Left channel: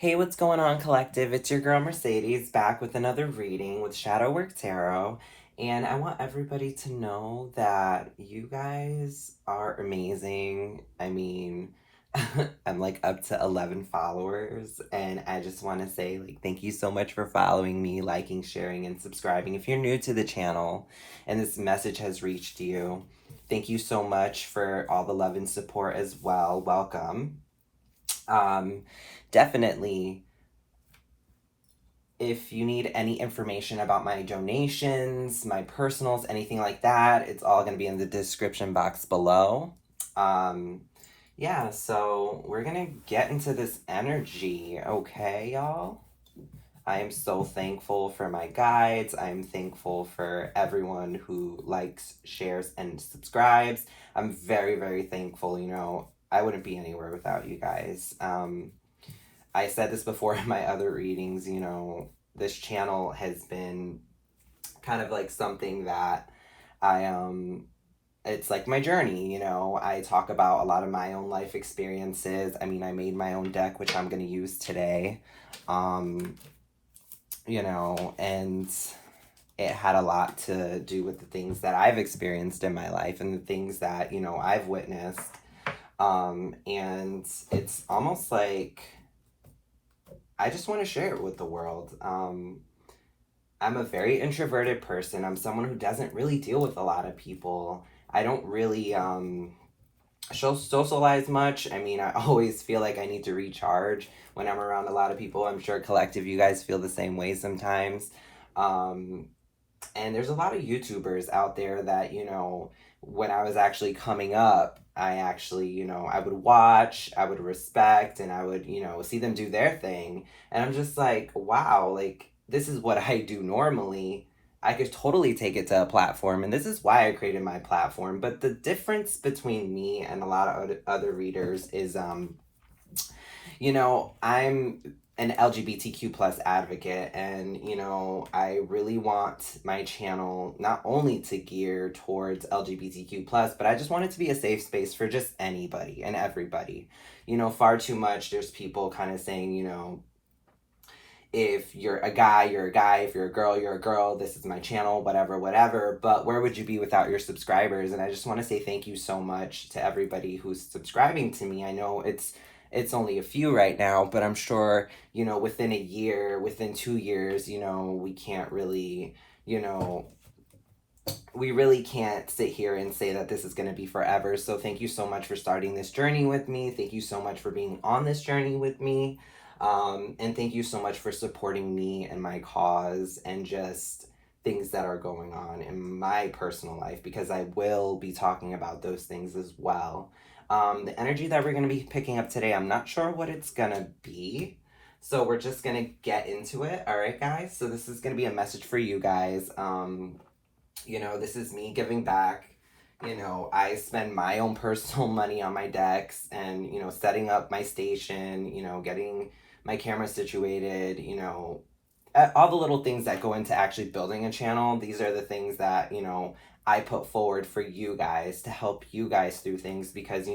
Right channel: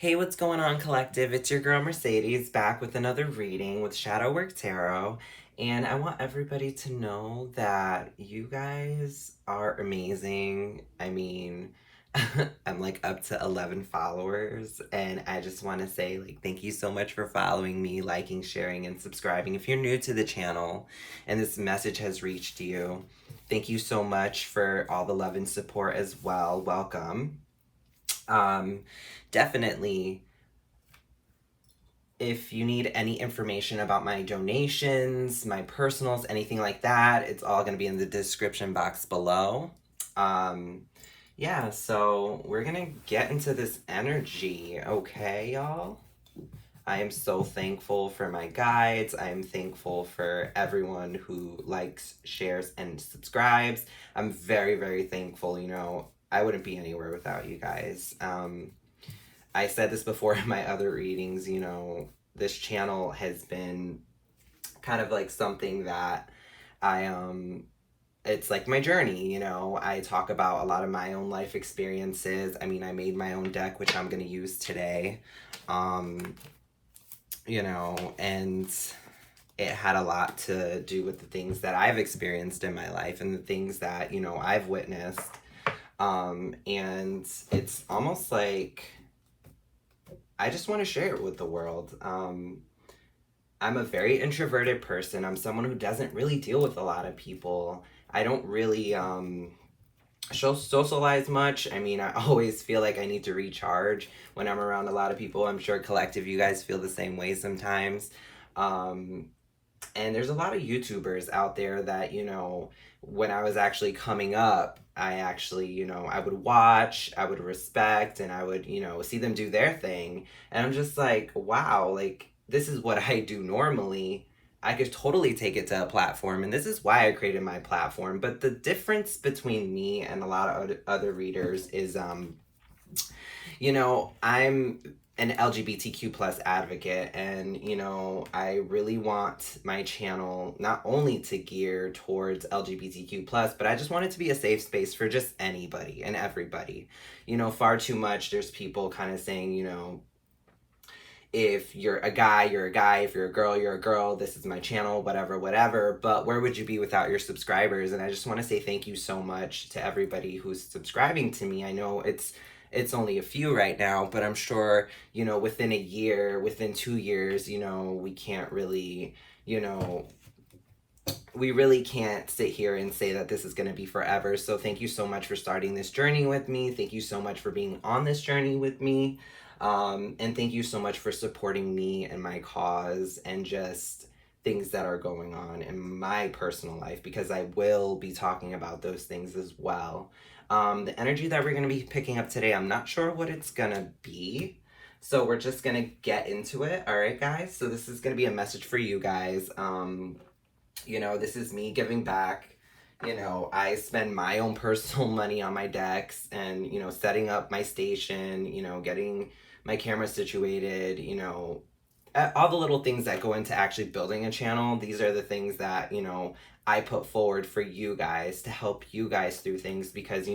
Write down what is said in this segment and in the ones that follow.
Hey, what's going on, collective? It's your girl Mercedes back with another reading with Shadowwrktarot. And I want everybody to know that you guys are amazing. I mean, I'm like up to 11 followers, and I just want to say, like, thank you so much for following me, liking, sharing, and subscribing. If you're new to the channel and this message has reached you, thank you so much for all the love and support as well. Welcome. Um, Definitely, if you need any information about my donations, my personals, anything like that, it's all going to be in the description box below. Um, yeah, so we're going to get into this energy, okay, y'all? I am so thankful for my guides. I'm thankful for everyone who likes, shares, and subscribes. I'm very, very thankful. I wouldn't be anywhere without you guys. I said this before in my other readings, this channel has been kind of like something that it's like my journey. I talk about a lot of my own life experiences. I mean, I made my own deck, which I'm going to use today. Um, and it had a lot to do with the things that I've experienced in my life and the things that, I've witnessed. And it's almost like I just want to share it with the world. I'm a very introverted person. I'm someone who doesn't really deal with a lot of people. I don't really socialize much. I mean, I always feel like I need to recharge when I'm around a lot of people. I'm sure collective, you guys feel the same way sometimes. And there's a lot of YouTubers out there that, when I was actually coming up, I actually, I would watch, I would respect, and I would, see them do their thing. And I'm just like, wow, like, this is what I do normally. I could totally take it to a platform, and this is why I created my platform. But the difference between me and a lot of other readers is, I'm an LGBTQ plus advocate, and I really want my channel not only to gear towards LGBTQ plus, but I just want it to be a safe space for just anybody and everybody. Far too much there's people kind of saying, if you're a guy, you're a guy. If you're a girl, you're a girl. This is my channel, whatever, whatever. But where would you be without your subscribers? And I just want to say thank you so much to everybody who's subscribing to me. I know it's only a few right now, but I'm sure, within a year, within 2 years, we can't really, we really can't sit here and say that this is going to be forever. So thank you so much for starting this journey with me. Thank you so much for being on this journey with me. And thank you so much for supporting me and my cause and just things that are going on in my personal life, because I will be talking about those things as well. The energy that we're going to be picking up today, I'm not sure what it's going to be. So we're just going to get into it. All right, guys. So this is going to be a message for you guys. This is me giving back. I spend my own personal money on my decks and, setting up my station, getting my camera situated, all the little things that go into actually building a channel. These are the things that, I put forward for you guys to help you guys through things, because,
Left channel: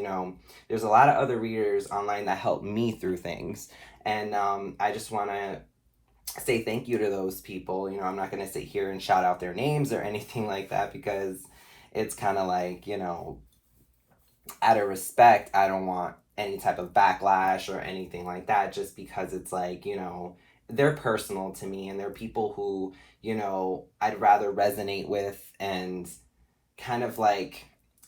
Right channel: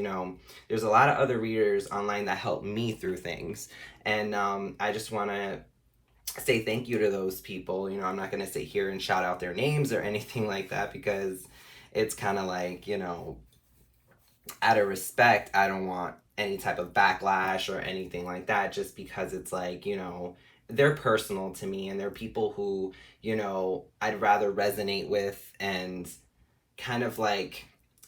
there's a lot of other readers online that help me through things. And I just want to say thank you to those people. I'm not going to sit here and shout out their names or anything like that, because it's kind of like, out of respect, I don't want any type of backlash or anything like that, just because it's like, they're personal to me, and they're people who, I'd rather resonate with and kind of like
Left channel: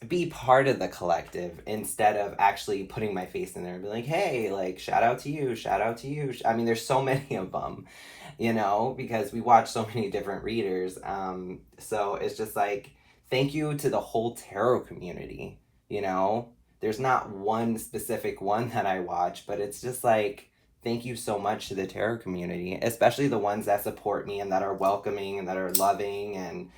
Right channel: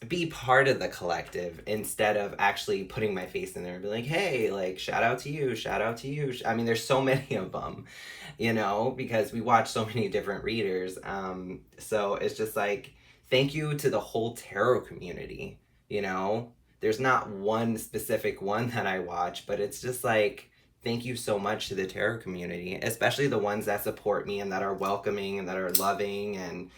be part of the collective, instead of actually putting my face in there and be like, hey, like, shout out to you, shout out to you. I mean, there's so many of them, because we watch so many different readers. So it's just like, thank you to the whole tarot community. There's not one specific one that I watch, but it's just like, thank you so much to the tarot community, especially the ones that support me and that are welcoming and that are loving, and,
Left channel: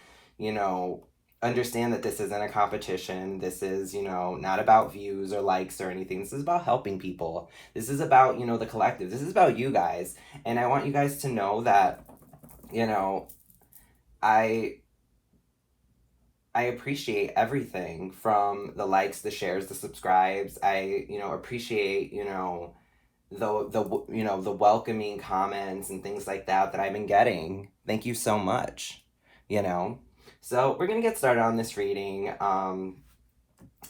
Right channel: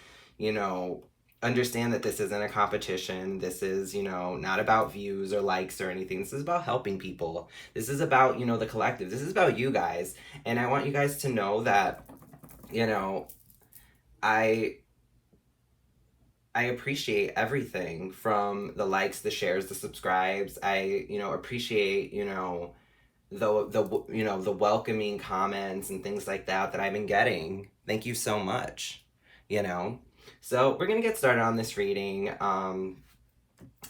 understand that this isn't a competition. This is, not about views or likes or anything. This is about helping people. This is about, the collective. This is about you guys. And I want you guys to know that, I appreciate everything from the likes, the shares, the subscribes. I, appreciate, the welcoming comments and things like that I've been getting. Thank you so much, you know. So we're gonna get started on this reading, and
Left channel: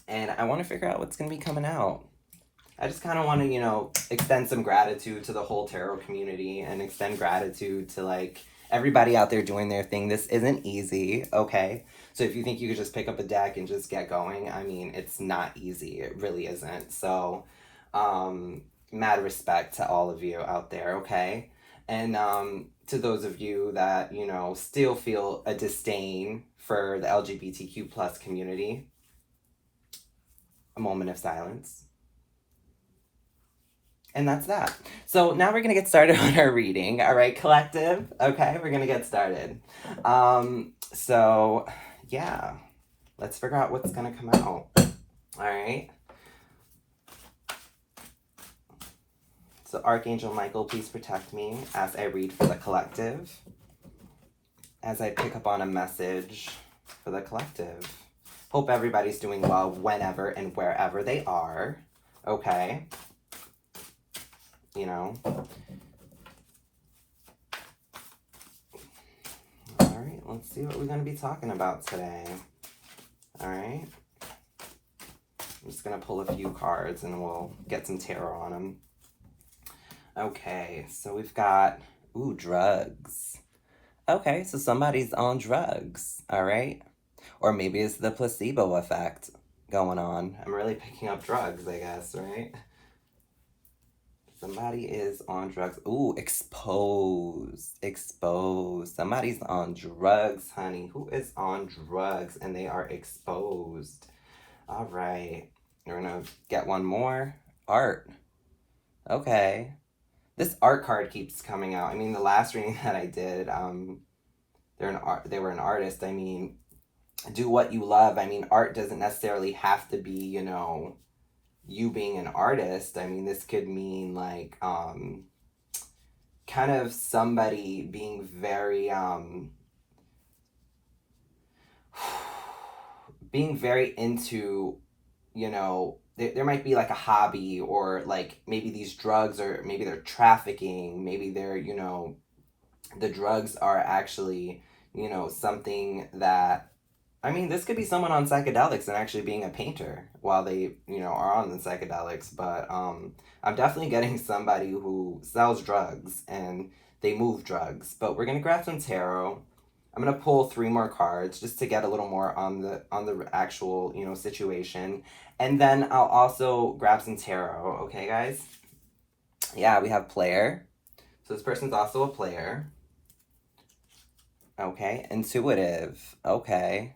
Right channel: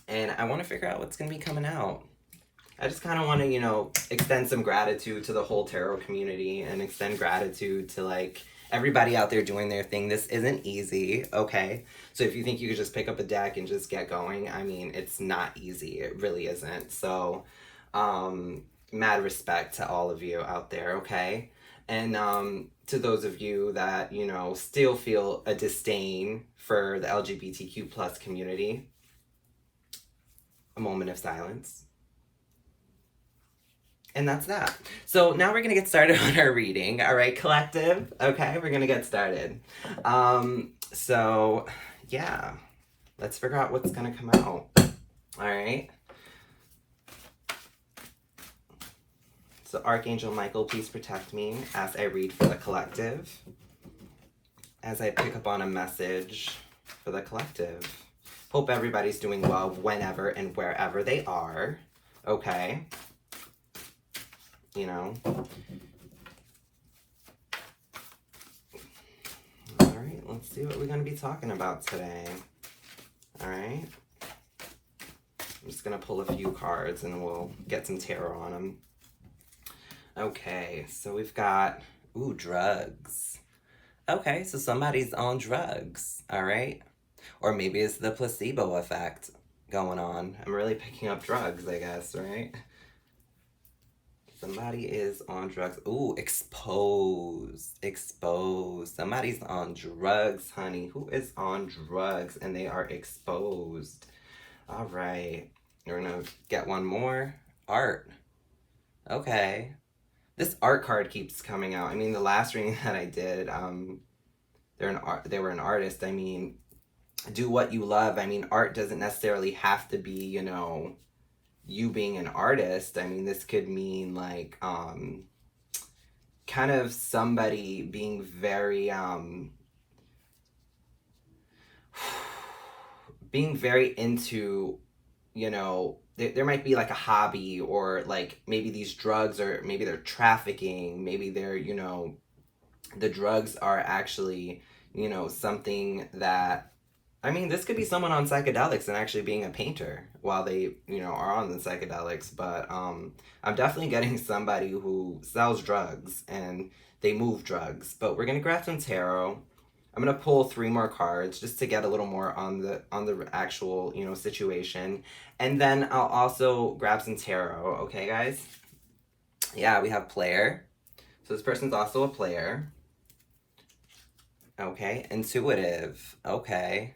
I want to figure out what's gonna be coming out. I just kind of want to, extend some gratitude to the whole tarot community and extend gratitude to, like, everybody out there doing their thing. This isn't easy, okay? So if you think you could just pick up a deck and just get going, I mean, it's not easy. It really isn't. So, mad respect to all of you out there, okay? And to those of you that, still feel a disdain for the LGBTQ plus community, a moment of silence. And that's that. So now we're going to get started on our reading. All right, collective? Okay, we're going to get started. So, yeah. Let's figure out what's going to come out. All right. So Archangel Michael, please protect me as I read for the collective. As I pick up on a message for the collective. Hope everybody's doing well whenever and wherever they are. Okay. All right, let's see what we're going to be talking about today. All right. I'm just going to pull a few cards and we'll get some tarot on them. Okay, so we've got, drugs. Okay, so somebody's on drugs, all right? Or maybe it's the placebo effect going on. I'm really picking up drugs, I guess, right? Somebody is on drugs. Ooh, exposed. Exposed. Somebody's on drugs, honey. Who is on drugs and they are exposed? All right. We're going to get one more. Art. Okay. This art card keeps coming out. I mean, the last reading that I did, they were an artist. I mean, do what you love. I mean, art doesn't necessarily have to be, you being an artist. I mean, this could mean like kind of somebody being very into, there might be like a hobby, or like maybe these drugs, or maybe they're trafficking, maybe they're, the drugs are actually, something that, I mean, this could be someone on psychedelics and actually being a painter while they, are on the psychedelics. But I'm definitely getting somebody who sells drugs and they move drugs. But we're gonna grab some tarot. I'm gonna pull 3 more cards just to get a little more on the actual, situation. And then I'll also grab some tarot. Okay, guys? Yeah, we have player. So this person's also a player. Okay, intuitive. Okay.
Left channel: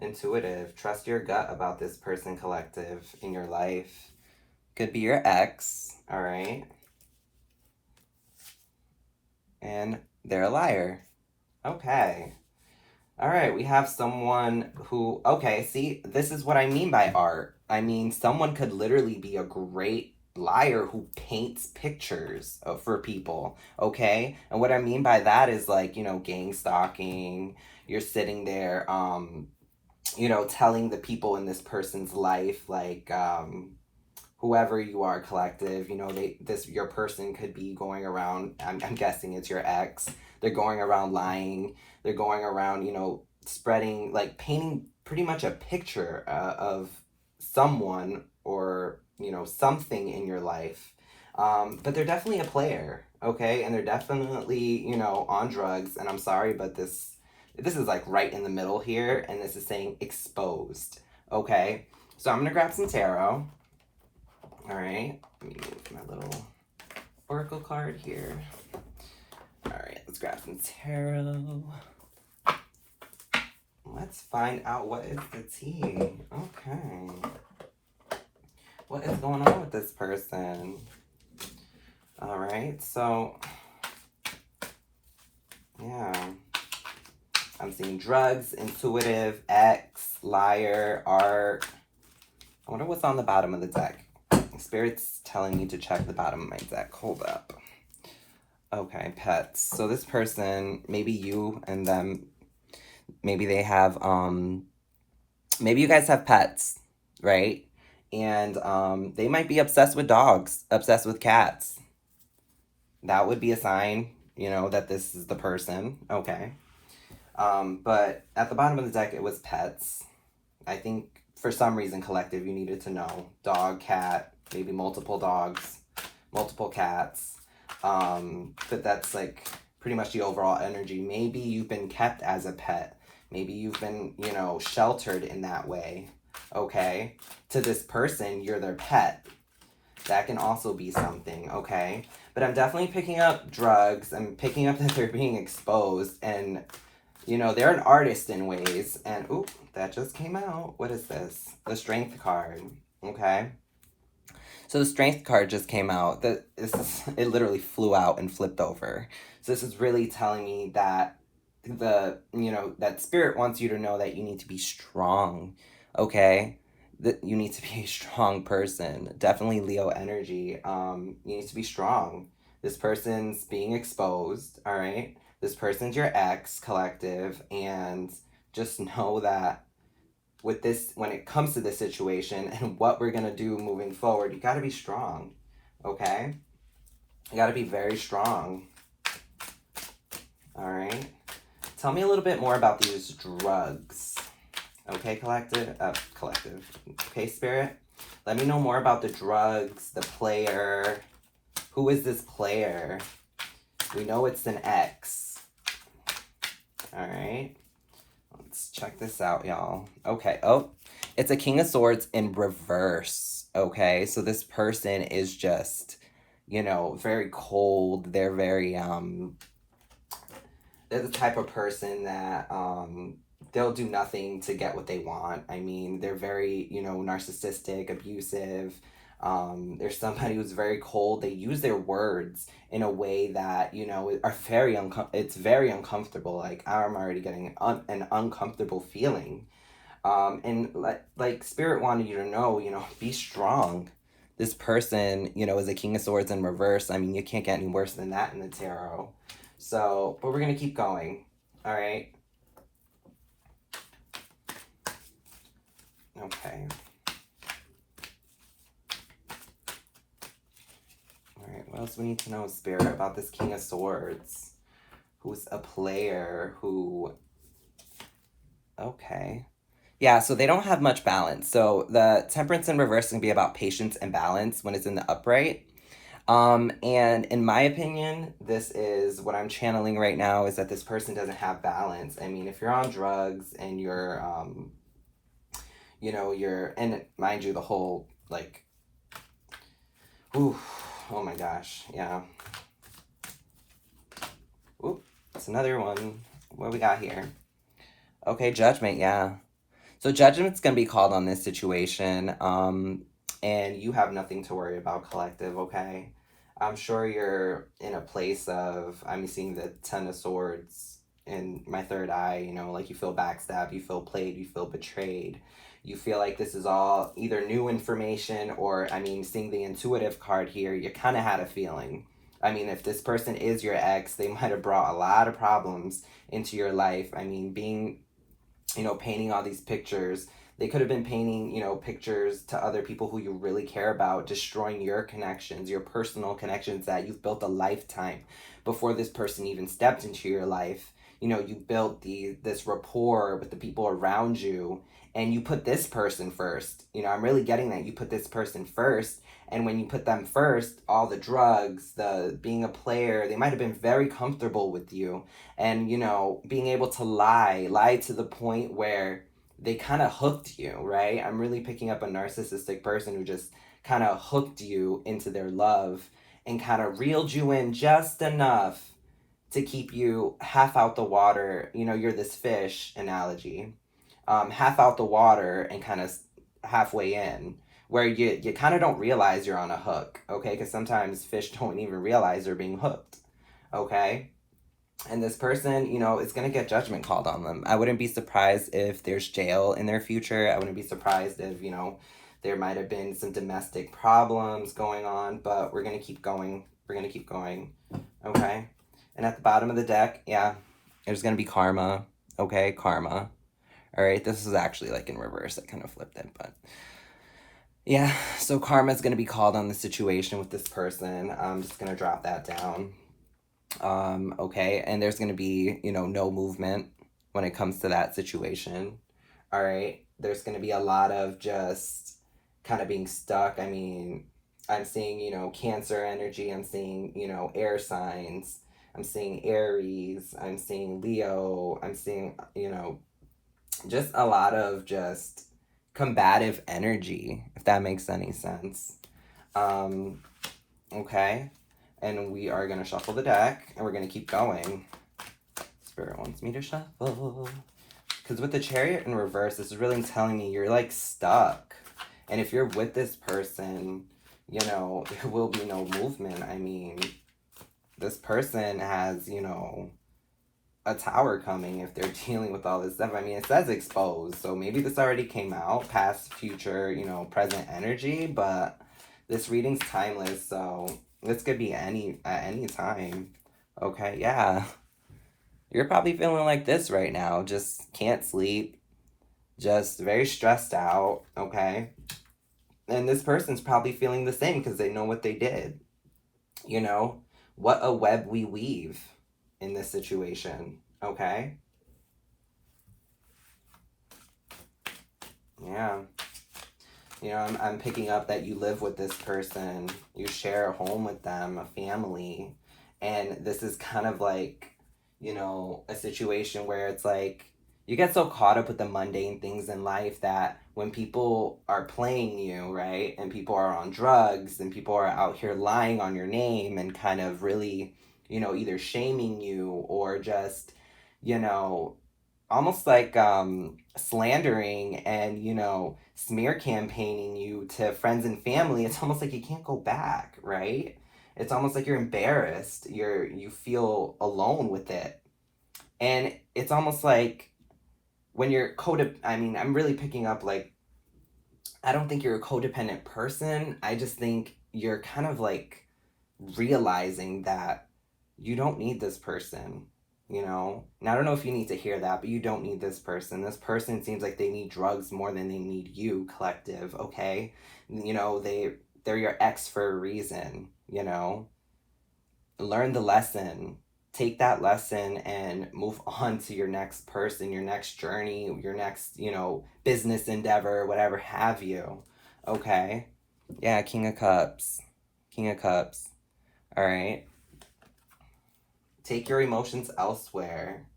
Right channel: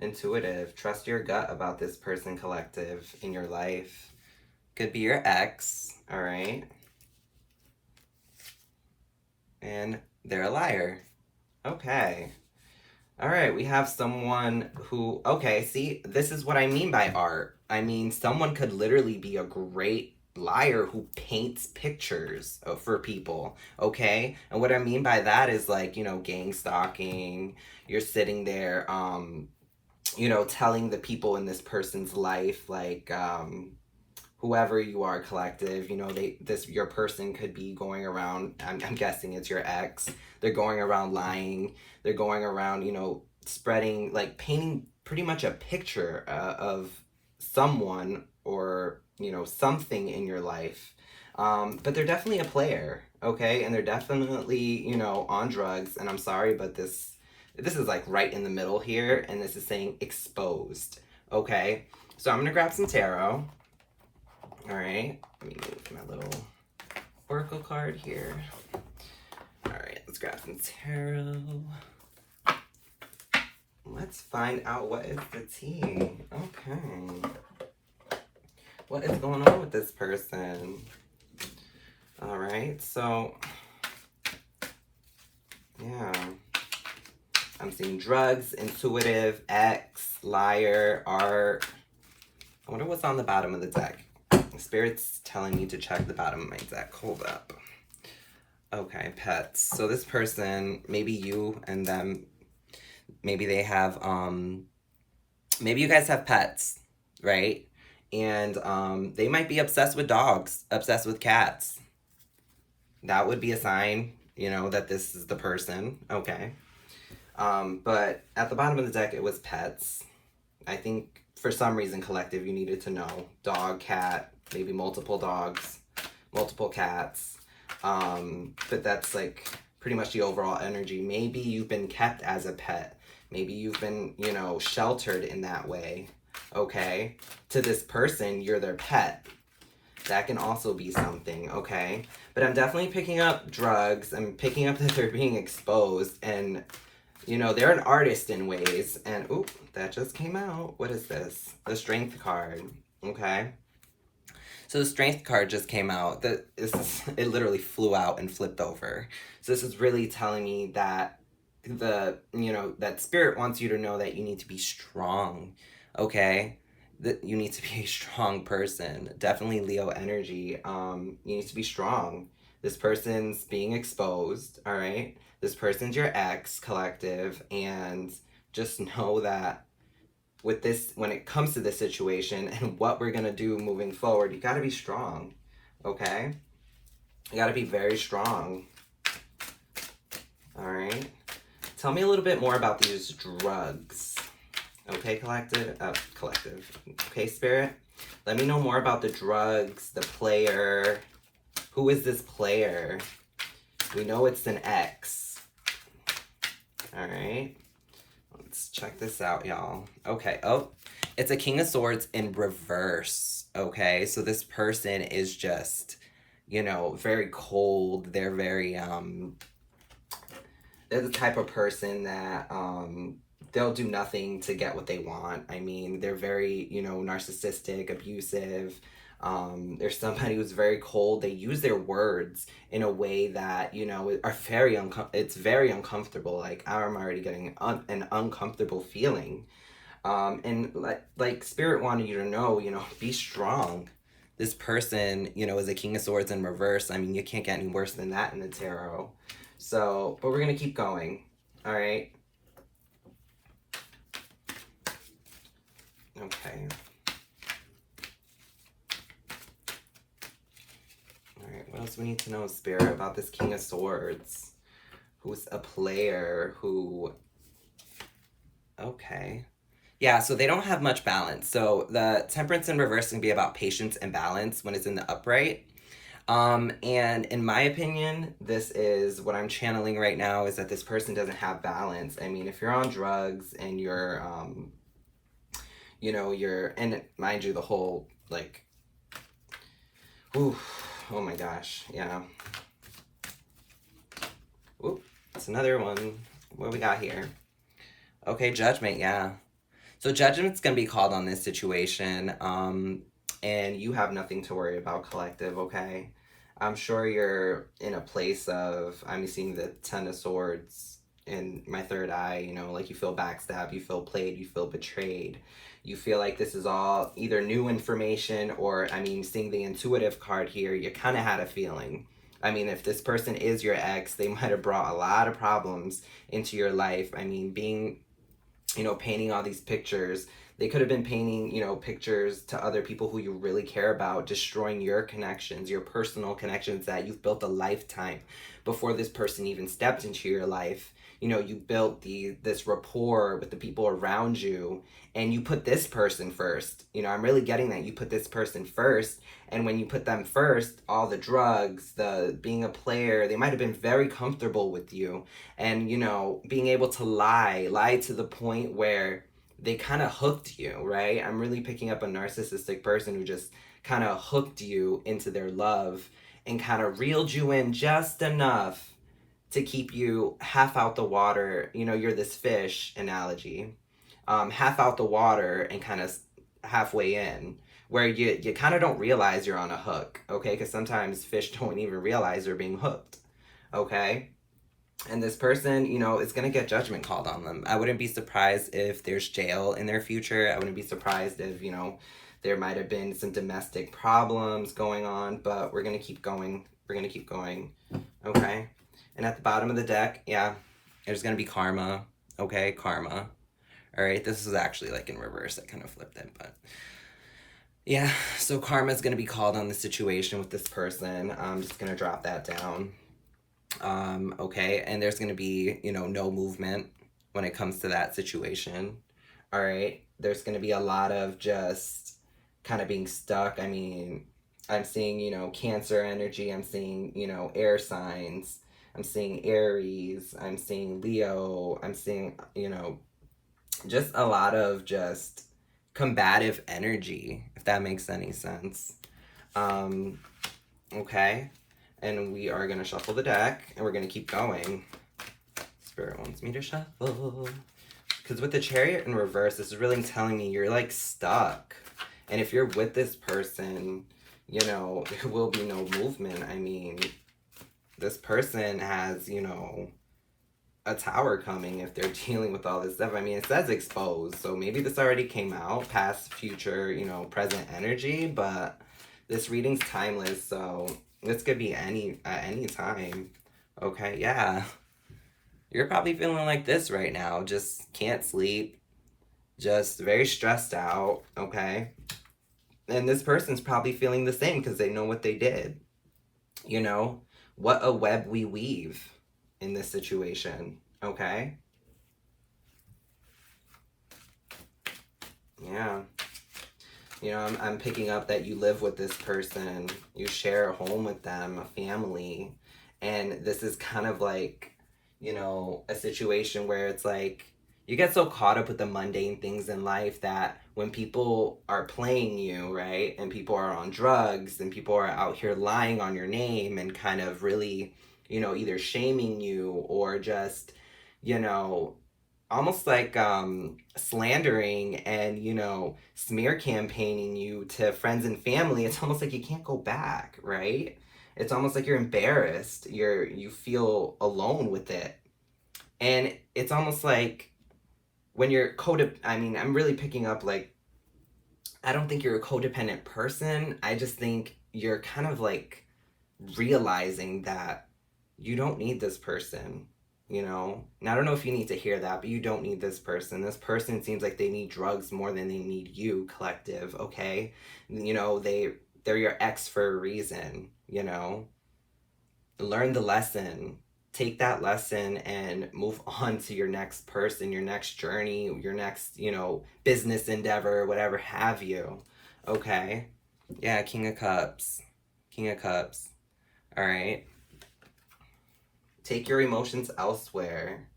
Intuitive. Trust your gut about this person, collective, in your life. Could be your ex, all right? And they're a liar. Okay. All right, we have someone who, okay, see, this is what I mean by art. I mean, someone could literally be a great liar who paints pictures for people, okay? And what I mean by that is like, gang stalking. You're sitting there, telling the people in this person's life, like, whoever you are, collective, your person could be going around, I'm guessing it's your ex, they're going around lying, they're going around, spreading, like, painting pretty much a picture of someone or, something in your life. But they're definitely a player, okay? And they're definitely, on drugs, and I'm sorry, but this is like right in the middle here, and this is saying exposed, okay? So I'm gonna grab some tarot. All right, let me move my little oracle card here. All right, let's grab some tarot. Let's find out what is the tea. Okay. What is going on with this person? All right, so, yeah. I'm seeing drugs, intuitive, ex, liar, art. I wonder what's on the bottom of the deck. Spirit's telling me to check the bottom of my deck. Hold up. Okay, pets. So this person, maybe you and them, maybe they have, maybe you guys have pets, right? And they might be obsessed with dogs, obsessed with cats. That would be a sign, you know, that this is the person. Okay. But at the bottom of the deck, it was pets. I think for some reason, collective, you needed to know. Dog, cat, maybe multiple dogs, multiple cats. But that's like pretty much the overall energy. Maybe you've been kept as a pet. Maybe you've been, you know, sheltered in that way. Okay? To this person, you're their pet. That can also be something, okay? But I'm definitely picking up drugs. I'm picking up that they're being exposed. And, you know, they're an artist in ways. And, oop, that just came out. What is this? The Strength card, okay? So the Strength card just came out. It literally flew out and flipped over. So this is really telling me that that Spirit wants you to know that you need to be strong, okay? That you need to be a strong person. Definitely Leo energy. You need to be strong. This person's being exposed, all right? This person's your ex, collective, and just know that with this, when it comes to this situation and what we're gonna do moving forward, you gotta be strong, okay? You gotta be very strong, all right? Tell me a little bit more about these drugs, okay, collective? Okay, Spirit? Let me know more about the drugs, the player. Who is this player? We know it's an ex, all right? Let's check this out, y'all. Okay, oh, it's a King of Swords in reverse, okay? So this person is just, you know, very cold. They're very, they're the type of person that, they'll do nothing to get what they want. I mean, they're very, you know, narcissistic, abusive. There's somebody who's very cold. They use their words in a way that, you know, are very it's very uncomfortable. Like, I'm already getting an uncomfortable feeling. And like Spirit wanted you to know, you know, be strong. This person, you know, is a King of Swords in reverse. I mean, you can't get any worse than that in the tarot. So, but we're going to keep going. All right. Okay. Alright, what else we need to know, Spirit, about this King of Swords? Who's a player who... Okay. Yeah, so they don't have much balance. So the Temperance in reverse can be about patience and balance when it's in the upright. And in my opinion, this is what I'm channeling right now, is that this person doesn't have balance. I mean, if you're on drugs and you're, you know, and mind you, the whole, like, ooh, oh my gosh, yeah. Oop, that's another one. What we got here? Okay, Judgment, yeah. So Judgment's going to be called on this situation, and you have nothing to worry about, collective, okay? I'm sure you're in a place of, I'm seeing the Ten of Swords in my third eye, you know, like you feel backstabbed, you feel played, you feel betrayed. You feel like this is all either new information or, I mean, seeing the intuitive card here, you kind of had a feeling. I mean, if this person is your ex, they might have brought a lot of problems into your life. I mean, being, you know, painting all these pictures. They could have been painting, you know, pictures to other people who you really care about, destroying your connections, your personal connections that you've built a lifetime before this person even stepped into your life. You know, you built this rapport with the people around you, and you put this person first. You know, I'm really getting that you put this person first. And when you put them first, all the drugs, the being a player, they might have been very comfortable with you. And, you know, being able to lie to the point where they kind of hooked you, right? I'm really picking up a narcissistic person who just kind of hooked you into their love and kind of reeled you in just enough to keep you half out the water. You know, you're this fish analogy, half out the water and kind of halfway in, where you kind of don't realize you're on a hook, okay? Because sometimes fish don't even realize they're being hooked, okay? And this person, you know, is going to get judgment called on them. I wouldn't be surprised if there's jail in their future. I wouldn't be surprised if, you know, there might have been some domestic problems going on, but we're going to keep going. We're going to keep going, okay? And at the bottom of the deck, yeah, there's going to be karma, okay? Karma. All right, this is actually like in reverse. I kind of flipped it, but Yeah, so karma is going to be called on the situation with this person. I'm just going to drop that down. Okay, and there's going to be, you know, no movement when it comes to that situation. All right, there's going to be a lot of just kind of being stuck. I mean, I'm seeing, you know, Cancer energy, I'm seeing, you know, air signs, I'm seeing Aries, I'm seeing Leo, I'm seeing, you know, just a lot of just combative energy, if that makes any sense. Um, okay, and we are going to shuffle the deck and we're going to keep going. Spirit wants me to shuffle. Because with the Chariot in reverse, this is really telling me you're like stuck. And if you're with this person, you know, there will be no movement. I mean, this person has, you know, a tower coming if they're dealing with all this stuff. I mean, it says exposed, so maybe this already came out, past, future, you know, present energy, but this reading's timeless, so this could be at any time. Okay, yeah. You're probably feeling like this right now, just can't sleep, just very stressed out, okay? And this person's probably feeling the same because they know what they did. You know, what a web we weave in this situation, okay? Yeah. You know, I'm picking up that you live with this person, you share a home with them, a family, and this is kind of like, you know, a situation where it's like you get so caught up with the mundane things in life that when people are playing you, right, and people are on drugs and people are out here lying on your name and kind of really, you know, either shaming you or just, you know, almost like slandering and, you know, smear campaigning you to friends and family. It's almost like you can't go back, right? It's almost like you're embarrassed, you feel alone with it. And it's almost like when you're I mean, I'm really picking up like, I don't think you're a codependent person. I just think you're kind of like realizing that you don't need this person, you know? And I don't know if you need to hear that, but you don't need this person. This person seems like they need drugs more than they need you, collective, okay? You know, they're your ex for a reason, you know? Learn the lesson. Take that lesson and move on to your next person, your next journey, your next, you know, business endeavor, whatever have you. Okay? Yeah, King of Cups. King of Cups. All right. Take your emotions elsewhere.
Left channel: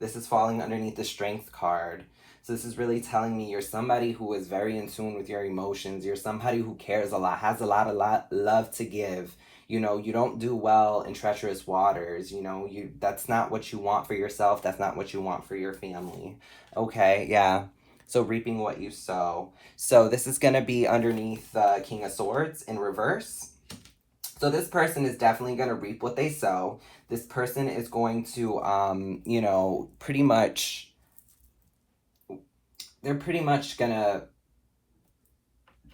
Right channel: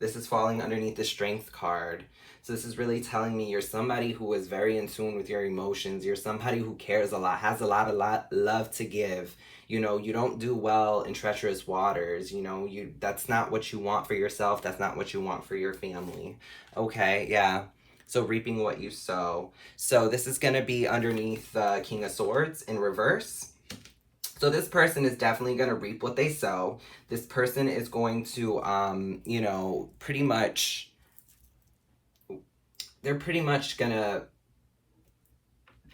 This is falling underneath the Strength card. So this is really telling me you're somebody who is very in tune with your emotions. You're somebody who cares a lot, has a lot of love to give. You know, you don't do well in treacherous waters. You know, that's not what you want for yourself. That's not what you want for your family. Okay, yeah. So reaping what you sow. So this is going to be underneath the King of Swords in reverse. So this person is definitely going to reap what they sow. This person is going to, you know, they're pretty much going to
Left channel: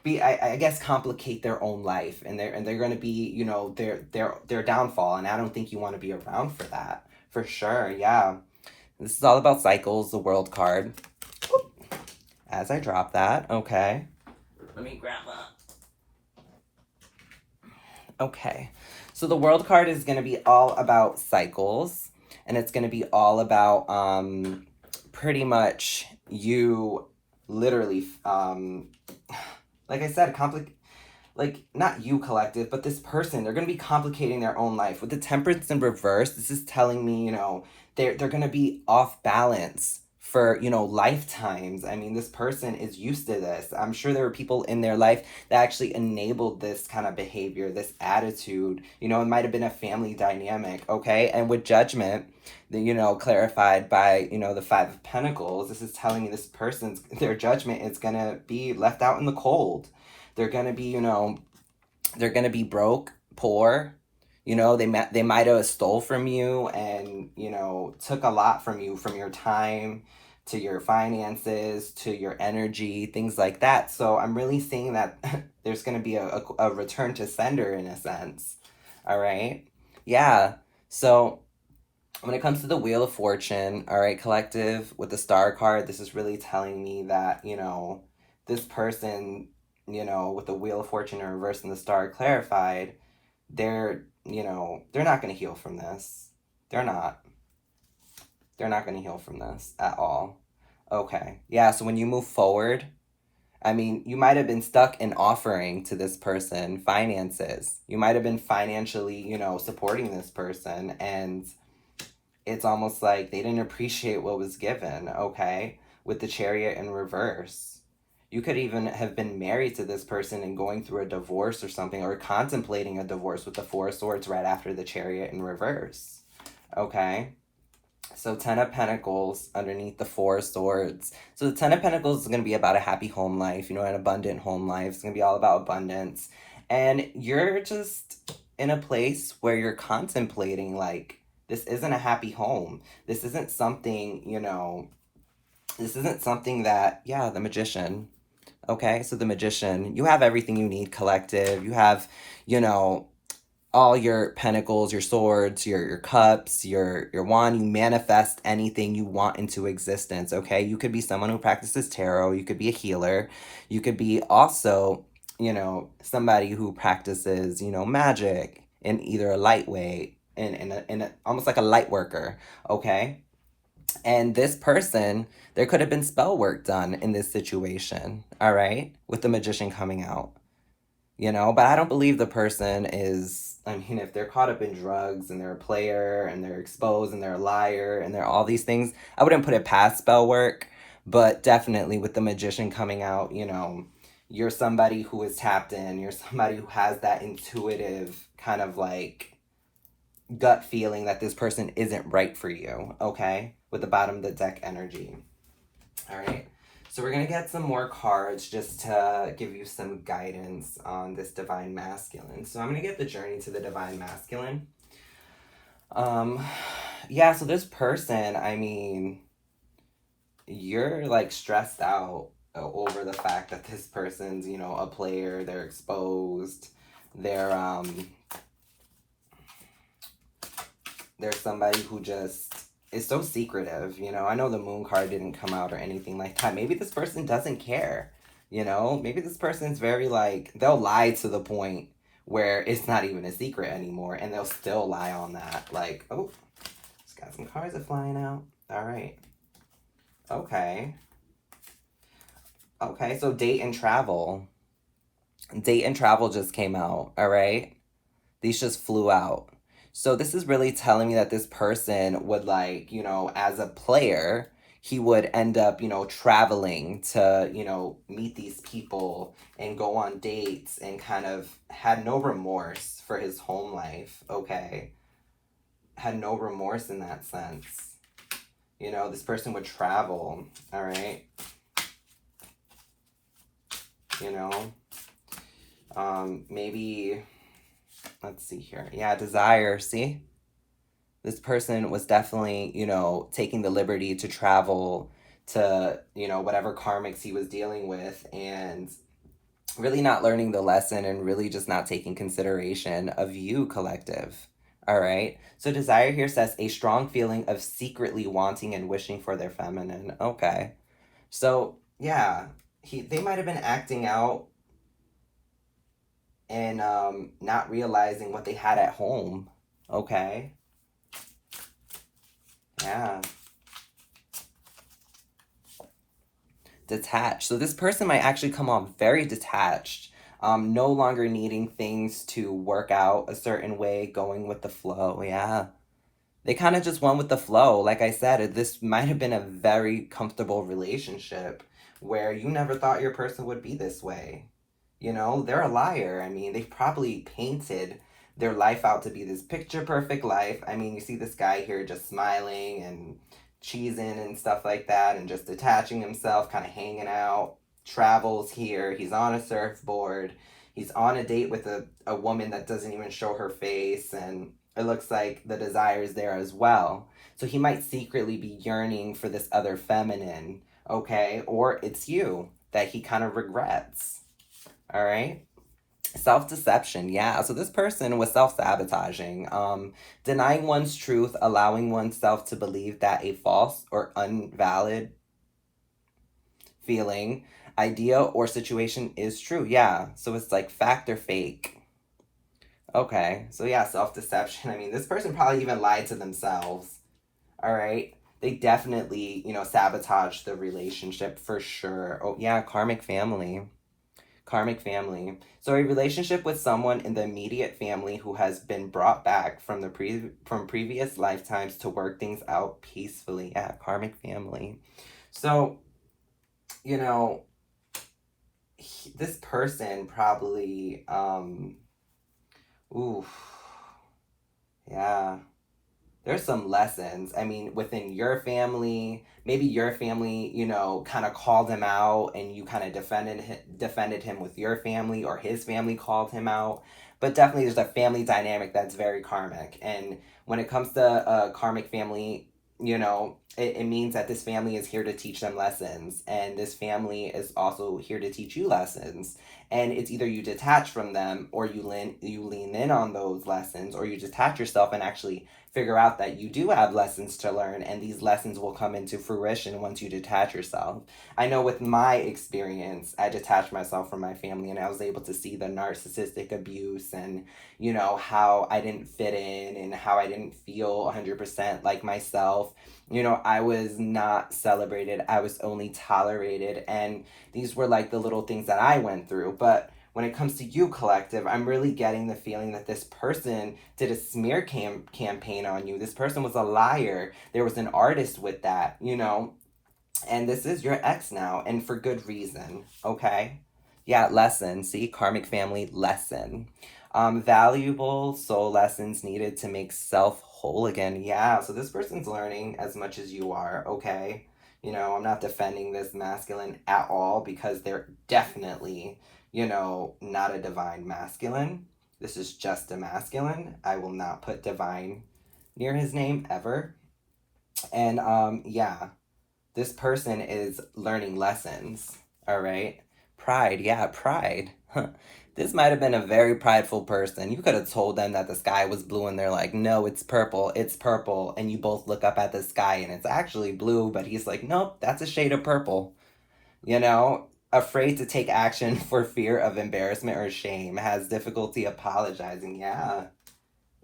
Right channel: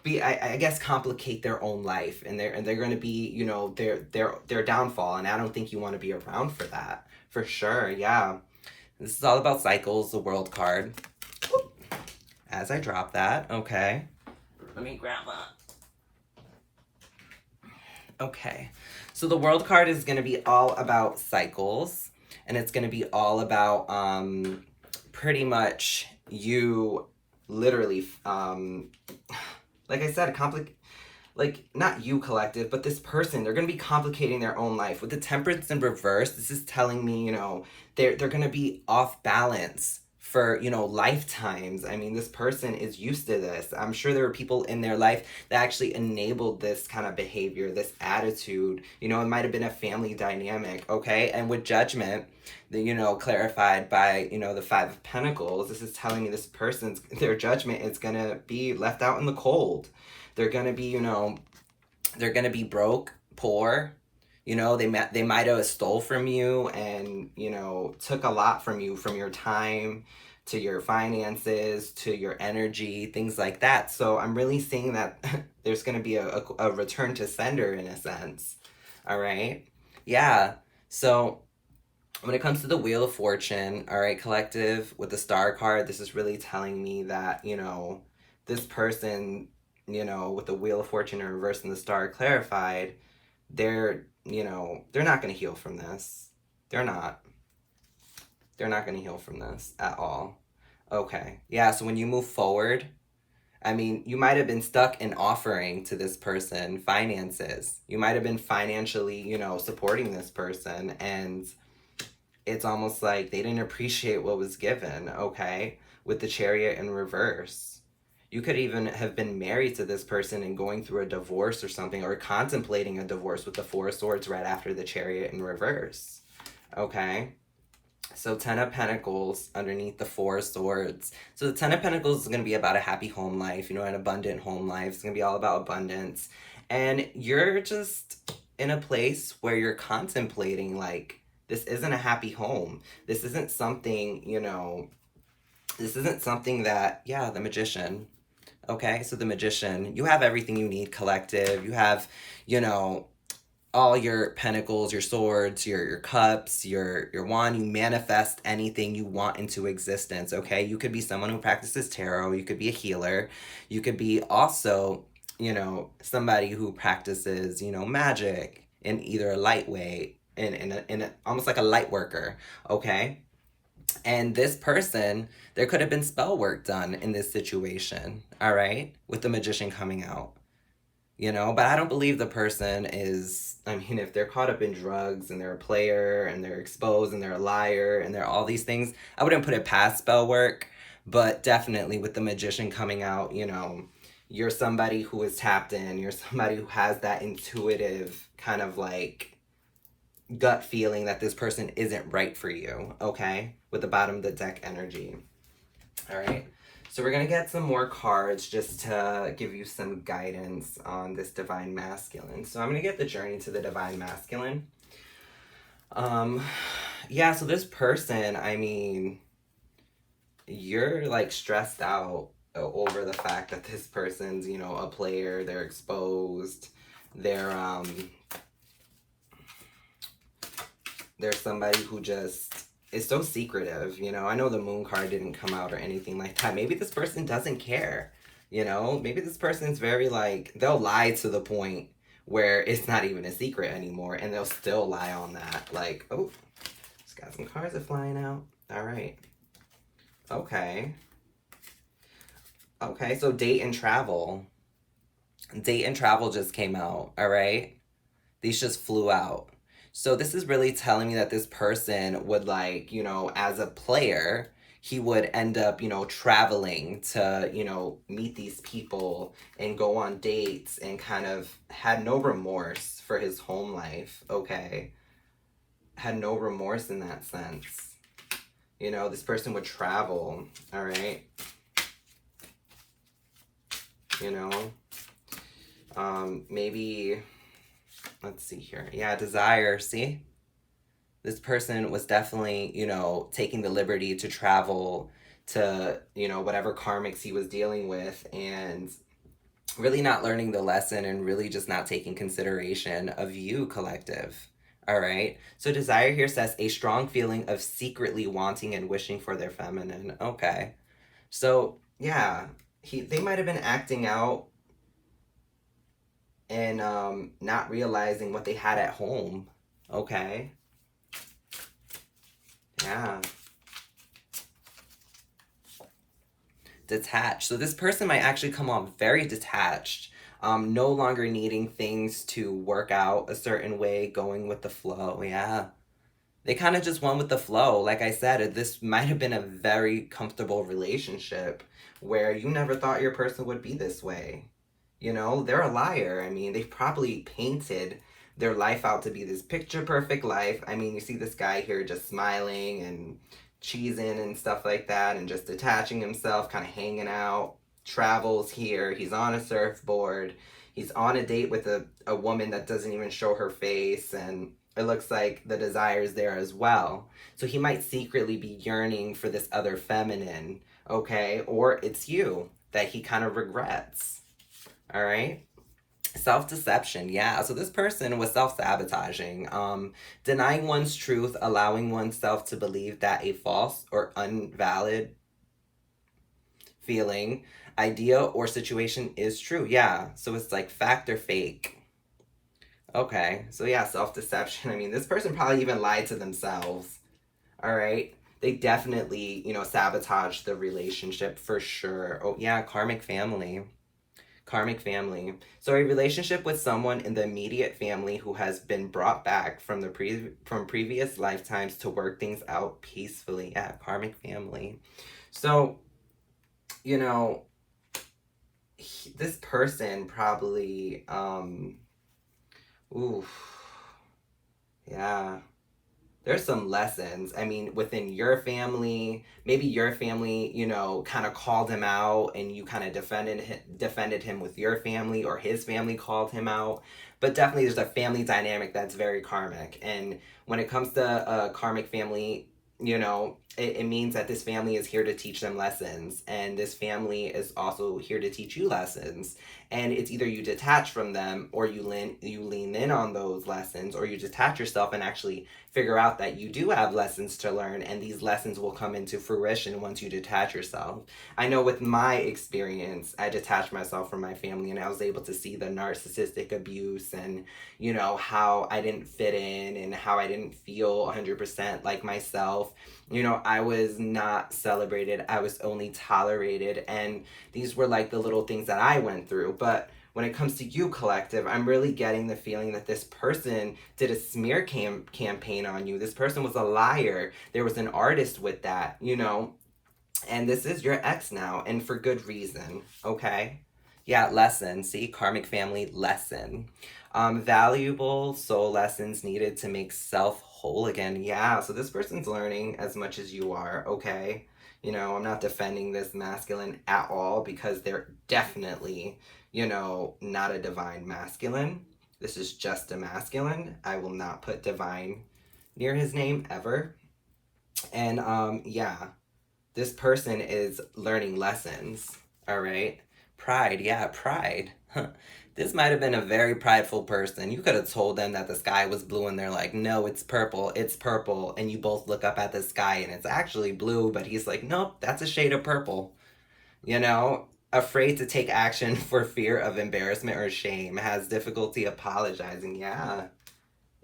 be, I guess, complicate their own life. And they're going to be, you know, their downfall. And I don't think you want to be around for that. For sure, yeah. This is all about cycles, the World card. As I drop that, okay. Let me grab that. Okay, so the World card is going to be all about cycles, and it's going to be all about pretty much you literally, like I said, like not you collective, but this person, they're going to be complicating their own life. With the Temperance in reverse, this is telling me, you know, they're going to be off balance for, you know, lifetimes. I mean, this person is used to this. I'm sure there were people in their life that actually enabled this kind of behavior, this attitude. You know, it might have been a family dynamic, okay? And with Judgment, you know, clarified by, you know, the Five of Pentacles, this is telling me this person's, their judgment is going to be left out in the cold. They're going to be, you know, they're going to be broke, poor. You know, they might have stole from you and, you know, took a lot from you, from your time to your finances, to your energy, things like that. So I'm really seeing that there's going to be a return to sender in a sense. All right. Yeah. So when it comes to the Wheel of Fortune, all right, collective, with the Star card, this is really telling me that, you know, this person you know, with the Wheel of Fortune in reverse and the Star clarified, they're, you know, they're not going to heal from this. They're not. They're not going to heal from this at all. Okay. Yeah, so when you move forward, I mean, you might have been stuck in offering to this person finances. You might have been financially, you know, supporting this person, and it's almost like they didn't appreciate what was given, okay? With the Chariot in reverse. You could even have been married to this person and going through a divorce or something, or contemplating a divorce with the Four of Swords right after the Chariot in reverse, okay? So 10 of Pentacles underneath the Four of Swords. So the 10 of Pentacles is going to be about a happy home life, you know, an abundant home life. It's going to be all about abundance. And you're just in a place where you're contemplating, like, this isn't a happy home. This isn't something, you know, this isn't something that, yeah, the Magician. Okay, so the Magician, you have everything you need, collective. You have, you know, all your pentacles, your swords, your cups, your wand. You manifest anything you want into existence, okay? You could be someone who practices tarot. You could be a healer. You could be also, you know, somebody who practices, you know, magic in either a light way, in almost like a light worker, okay? And this person, there could have been spell work done in this situation, all right? With the Magician coming out, you know? But I don't believe the person is, I mean, if they're caught up in drugs and they're a player and they're exposed and they're a liar and they're all these things, I wouldn't put it past spell work. But definitely with the Magician coming out, you know, you're somebody who is tapped in. You're somebody who has that intuitive kind of like gut feeling that this person isn't right for you, okay? With the bottom of the deck energy. All right. So we're going to get some more cards just to give you some guidance on this Divine Masculine. So I'm going to get the Journey to the Divine Masculine. Yeah, so this person, I mean, you're like stressed out over the fact that this person's, you know, a player, they're exposed, there's somebody who just is so secretive, you know. I know the Moon card didn't come out or anything like that. Maybe this person doesn't care, you know. Maybe this person's very like, they'll lie to the point where it's not even a secret anymore, and they'll still lie on that. Like, oh, it's got some cards are flying out. All right. Okay. Okay, so date and travel. Date and travel just came out, all right? These just flew out. So this is really telling me that this person would like, you know, as a player, he would end up, you know, traveling to, you know, meet these people and go on dates and kind of had no remorse for his home life, okay? Had no remorse in that sense. You know, this person would travel, all right? You know, maybe... Let's see here. Yeah, desire, see? This person was definitely, you know, taking the liberty to travel to, you know, whatever karmics he was dealing with and really not learning the lesson and really just not taking consideration of you, collective. All right? So desire here says a strong feeling of secretly wanting and wishing for their feminine. Okay. So, yeah, they might have been acting out and not realizing what they had at home, okay? Yeah. Detached. So this person might actually come off very detached, no longer needing things to work out a certain way, going with the flow, yeah. They kind of just went with the flow. Like I said, this might have been a very comfortable relationship where you never thought your person would be this way. You know, they're a liar. I mean, they've probably painted their life out to be this picture perfect life. I mean, you see this guy here just smiling and cheesing and stuff like that and just detaching himself, kind of hanging out, travels here. He's on a surfboard. He's on a date with a woman that doesn't even show her face, and it looks like the desire is there as well. So he might secretly be yearning for this other feminine, okay? Or it's you that he kind of regrets. All right. Self-deception. Yeah. So this person was self-sabotaging, denying one's truth, allowing oneself to believe that a false or invalid feeling idea or situation is true. Yeah. So it's like fact or fake. Okay. So yeah, self-deception. I mean, this person probably even lied to themselves. All right. They definitely, sabotaged the relationship for sure. Oh yeah, karmic family. Karmic family. So a relationship with someone in the immediate family who has been brought back from from previous lifetimes to work things out peacefully. Yeah, karmic family. So, you know, this person probably ooh, yeah. There's some lessons. I mean, within your family, maybe your family, kind of called him out, and you kind of defended him with your family, or his family called him out. But definitely, there's a family dynamic that's very karmic. And when it comes to a karmic family, it means that this family is here to teach them lessons, and this family is also here to teach you lessons. And it's either you detach from them, or you lean in on those lessons, or you detach yourself and actually figure out that you do have lessons to learn, and these lessons will come into fruition once you detach yourself. I know with my experience, I detached myself from my family, and I was able to see the narcissistic abuse, and how I didn't fit in, and how I didn't feel 100% like myself. I was not celebrated, I was only tolerated, and these were like the little things that I went through. But when it comes to you, collective, I'm really getting the feeling that this person did a smear campaign on you. This person was a liar. There was an artist with that, and this is your ex now, and for good reason, okay? Yeah, lesson. See, karmic family lesson. Valuable soul lessons needed to make self whole again. Yeah, so this person's learning as much as you are, okay? I'm not defending this masculine at all, because they're definitely, not a divine masculine. This is just a masculine. I will not put divine near his name ever. And yeah, this person is learning lessons, all right? Pride, yeah, pride. This might have been a very prideful person. You could have told them that the sky was blue, and they're like, no, it's purple, it's purple. And you both look up at the sky and it's actually blue, but he's like, nope, that's a shade of purple. Afraid to take action for fear of embarrassment or shame, has difficulty apologizing. Yeah.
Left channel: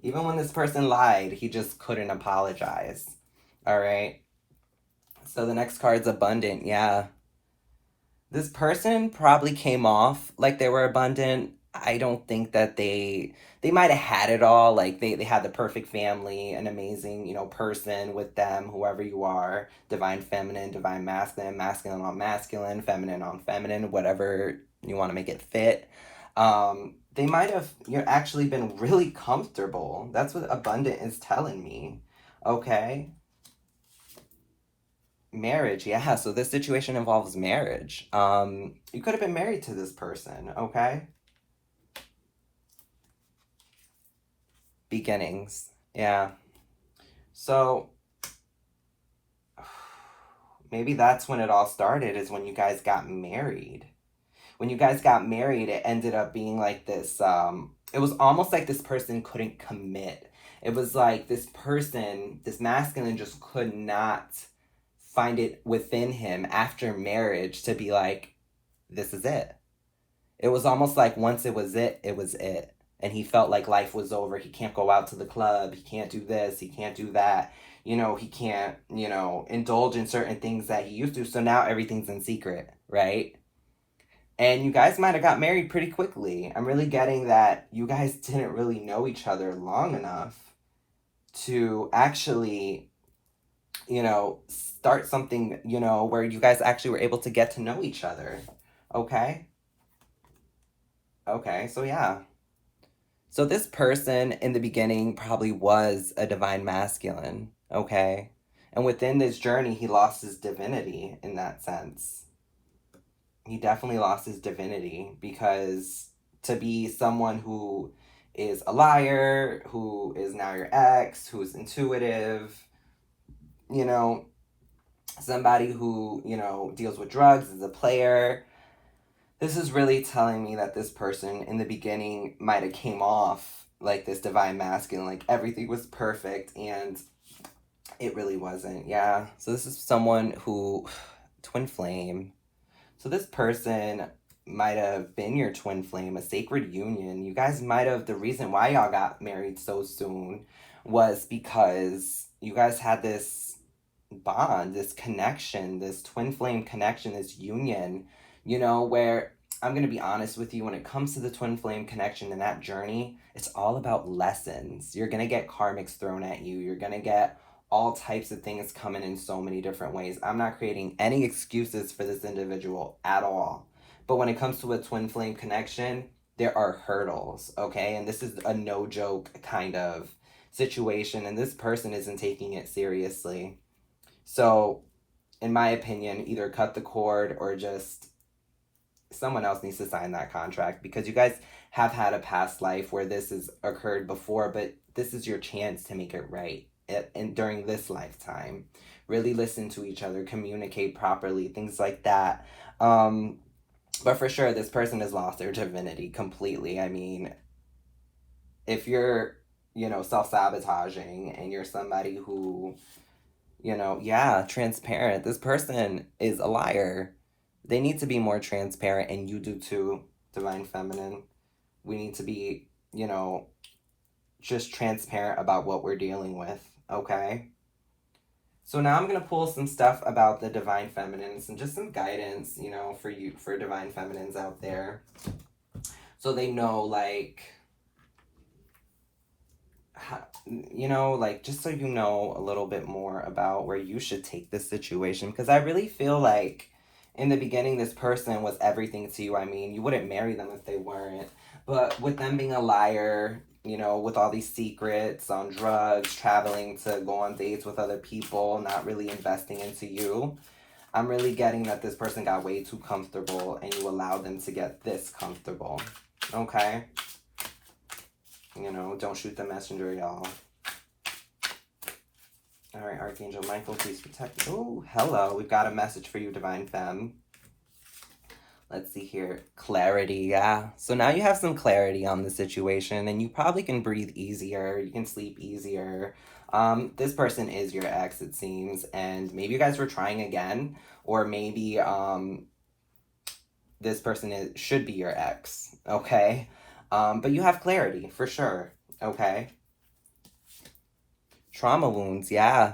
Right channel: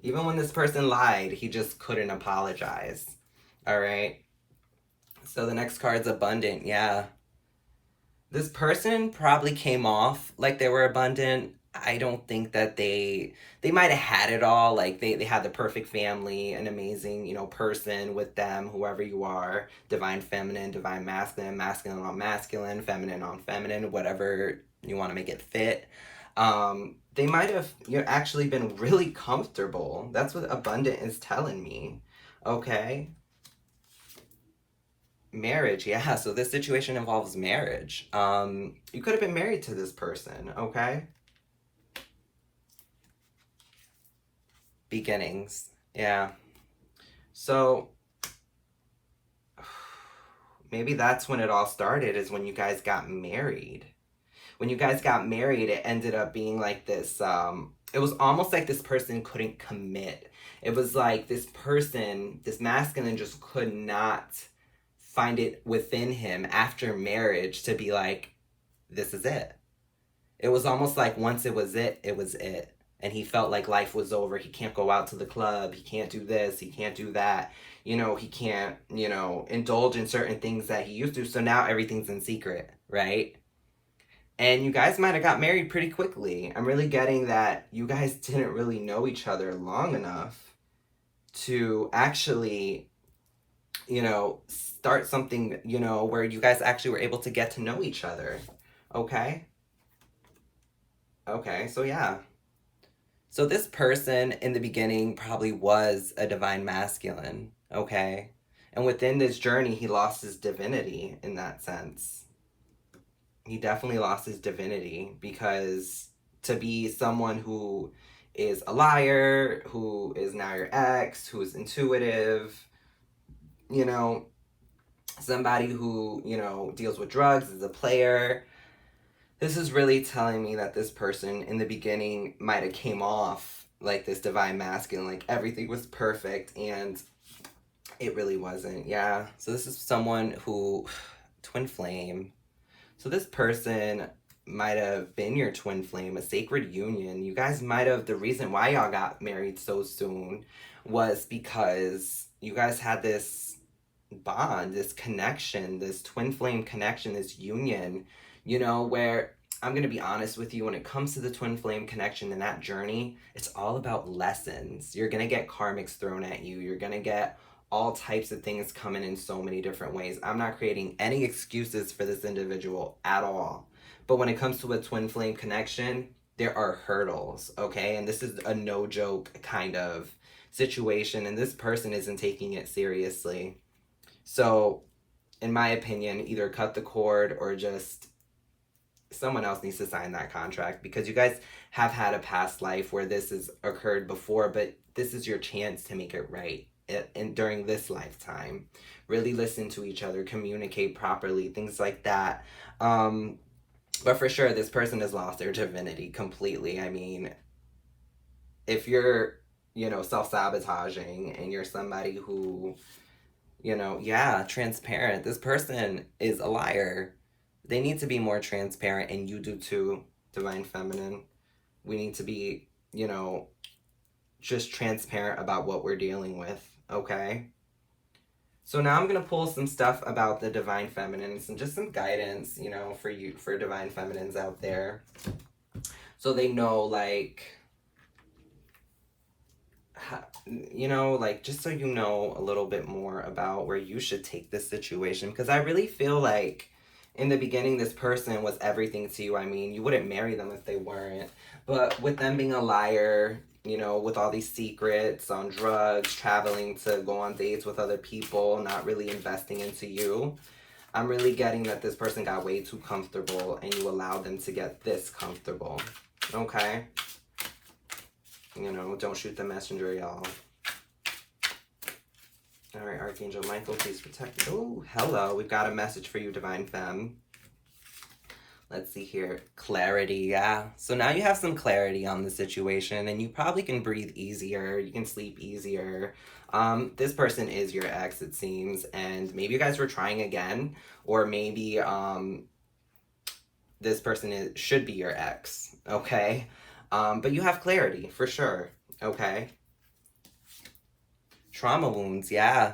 Even when this person lied, he just couldn't apologize. All right. So the next card's abundant. Yeah. This person probably came off like they were abundant. I don't think that they might have had it all. Like they had the perfect family, an amazing, person with them, whoever you are, divine feminine, divine masculine, masculine on masculine, feminine on feminine, whatever you want to make it fit. They might have actually been really comfortable. That's what abundant is telling me. Okay. Marriage, yeah. So this situation involves marriage. You could have been married to this person, okay? Beginnings, yeah. So maybe that's when it all started, is when you guys got married. When you guys got married, it ended up being like this. It was almost like this person couldn't commit. It was like this person, this masculine, just could not find it within him after marriage to be like, this is it. It was almost like once it was it, it was it. And he felt like life was over. He can't go out to the club. He can't do this. He can't do that. He can't, indulge in certain things that he used to. So now everything's in secret, right? And you guys might have got married pretty quickly. I'm really getting that you guys didn't really know each other long enough to actually, start something, where you guys actually were able to get to know each other. Okay? Okay, so yeah. So this person in the beginning probably was a divine masculine, okay? And within this journey, he lost his divinity in that sense. He definitely lost his divinity, because to be someone who is a liar, who is now your ex, who's intuitive, you know, somebody who, deals with drugs, is a player. This is really telling me that this person in the beginning might have came off like this divine masculine, like everything was perfect, and it really wasn't. Yeah. So this is someone who, twin flame. So this person might have been your twin flame, a sacred union. You guys might have, the reason why y'all got married so soon was because you guys had this bond, this connection, this twin flame connection, this union, you know, where I'm going to be honest with you, when it comes to the twin flame connection and that journey, it's all about lessons. You're going to get karmics thrown at you. You're going to get all types of things coming in so many different ways. I'm not creating any excuses for this individual at all. But when it comes to a twin flame connection, there are hurdles, okay? And this is a no joke kind of situation, and this person isn't taking it seriously. So, in my opinion, either cut the cord or just someone else needs to sign that contract, because you guys have had a past life where this has occurred before, but this is your chance to make it right and during this lifetime. Really listen to each other, communicate properly, things like that. But for sure, this person has lost their divinity completely. I mean, if you're, you know, self-sabotaging and you're somebody who, you know, yeah, transparent, this person is a liar. They need to be more transparent, and you do too, Divine Feminine. We need to be, you know, just transparent about what we're dealing with, okay? So now I'm going to pull some stuff about the Divine Feminines and just some guidance, you know, for you, for Divine Feminines out there. So they know, like, you know, like, just so you know a little bit more about where you should take this situation. Because I really feel like in the beginning, this person was everything to you. I mean, you wouldn't marry them if they weren't. But with them being a liar, you know, with all these secrets, on drugs, traveling to go on dates with other people, not really investing into you, I'm really getting that this person got way too comfortable and you allowed them to get this comfortable. Okay? You know, don't shoot the messenger, y'all. All right, Archangel Michael, please protect me. Oh, hello. We've got a message for you, Divine Femme. Let's see here. Clarity, yeah. So now you have some clarity on the situation, and you probably can breathe easier. You can sleep easier. This person is your ex, it seems, and maybe you guys were trying again, or maybe this person should be your ex, okay? But you have clarity, for sure, okay? Trauma wounds, yeah.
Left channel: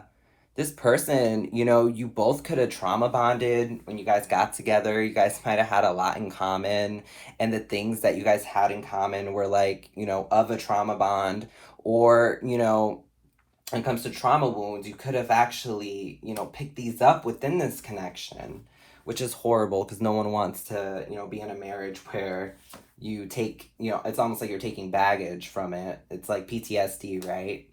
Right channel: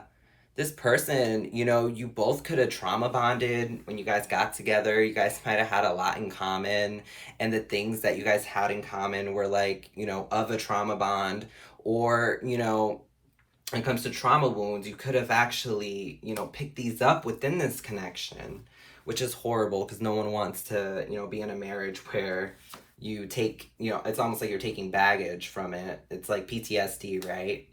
This person, you know, you both could have trauma bonded when you guys got together. You guys might have had a lot in common. And the things that you guys had in common were like, you know, of a trauma bond. Or, you know, when it comes to trauma wounds, you could have actually, you know, picked these up within this connection, which is horrible because no one wants to, you know, be in a marriage where you take, you know, it's almost like you're taking baggage from it. It's like PTSD, right?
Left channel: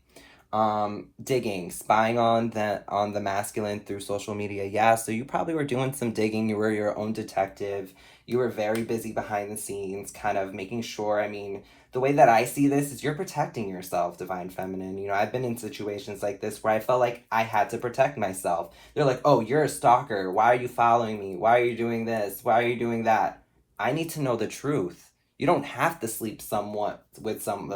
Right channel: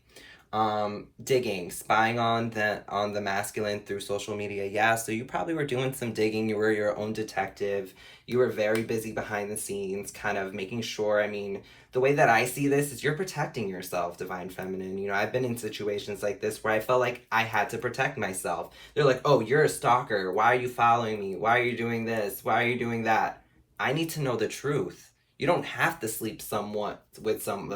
Digging, spying on the masculine through social media. Yeah, so you probably were doing some digging. You were your own detective. You were very busy behind the scenes, kind of making sure. I mean, the way that I see this is you're protecting yourself, Divine Feminine. You know, I've been in situations like this where I felt like I had to protect myself. They're like, oh, you're a stalker. Why are you following me? Why are you doing this? Why are you doing that? I need to know the truth. You don't have to sleep somewhat with some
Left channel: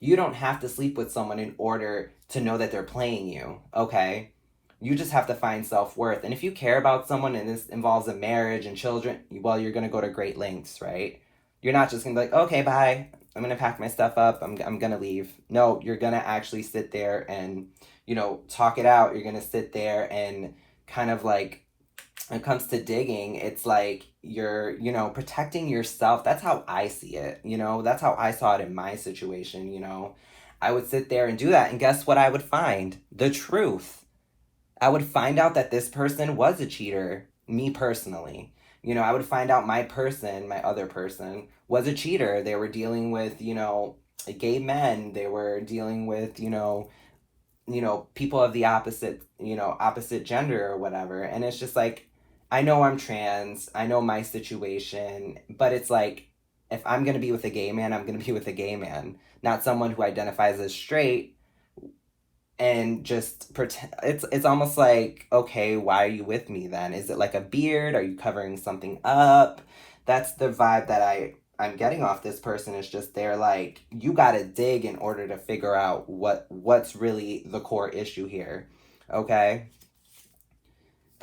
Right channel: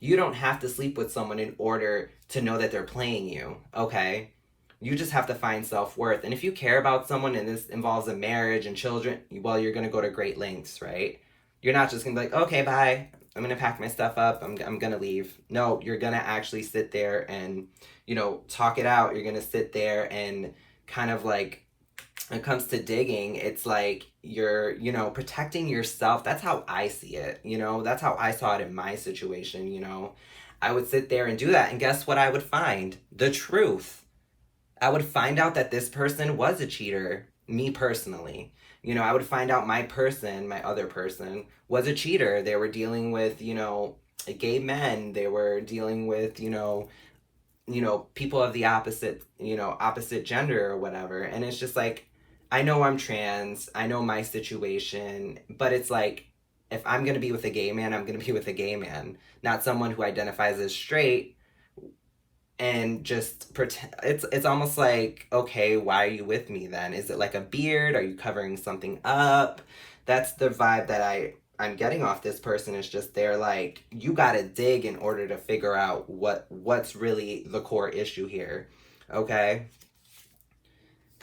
you don't have to sleep with someone in order to know that they're playing you, okay? You just have to find self-worth. And if you care about someone and this involves a marriage and children, well, you're going to go to great lengths, right? You're not just going to be like, okay, bye. I'm going to pack my stuff up. I'm going to leave. No, you're going to actually sit there and, you know, talk it out. You're going to sit there and kind of like, when it comes to digging, it's like you're, you know, protecting yourself. That's how I see it, you know? That's how I saw it in my situation, you know? I would sit there and do that, and guess what I would find? The truth. I would find out that this person was a cheater, me personally. You know, I would find out my other person, was a cheater. They were dealing with, you know, gay men. They were dealing with, you know, people of the opposite gender or whatever. And it's just like, I know I'm trans, I know my situation, but it's like, if I'm going to be with a gay man, I'm going to be with a gay man, not someone who identifies as straight and just pretend. It's almost like, okay, why are you with me then? Is it like a beard? Are you covering something up? That's the vibe that I'm getting off this person. Is just they're like, you gotta dig in order to figure out what's really the core issue here, okay?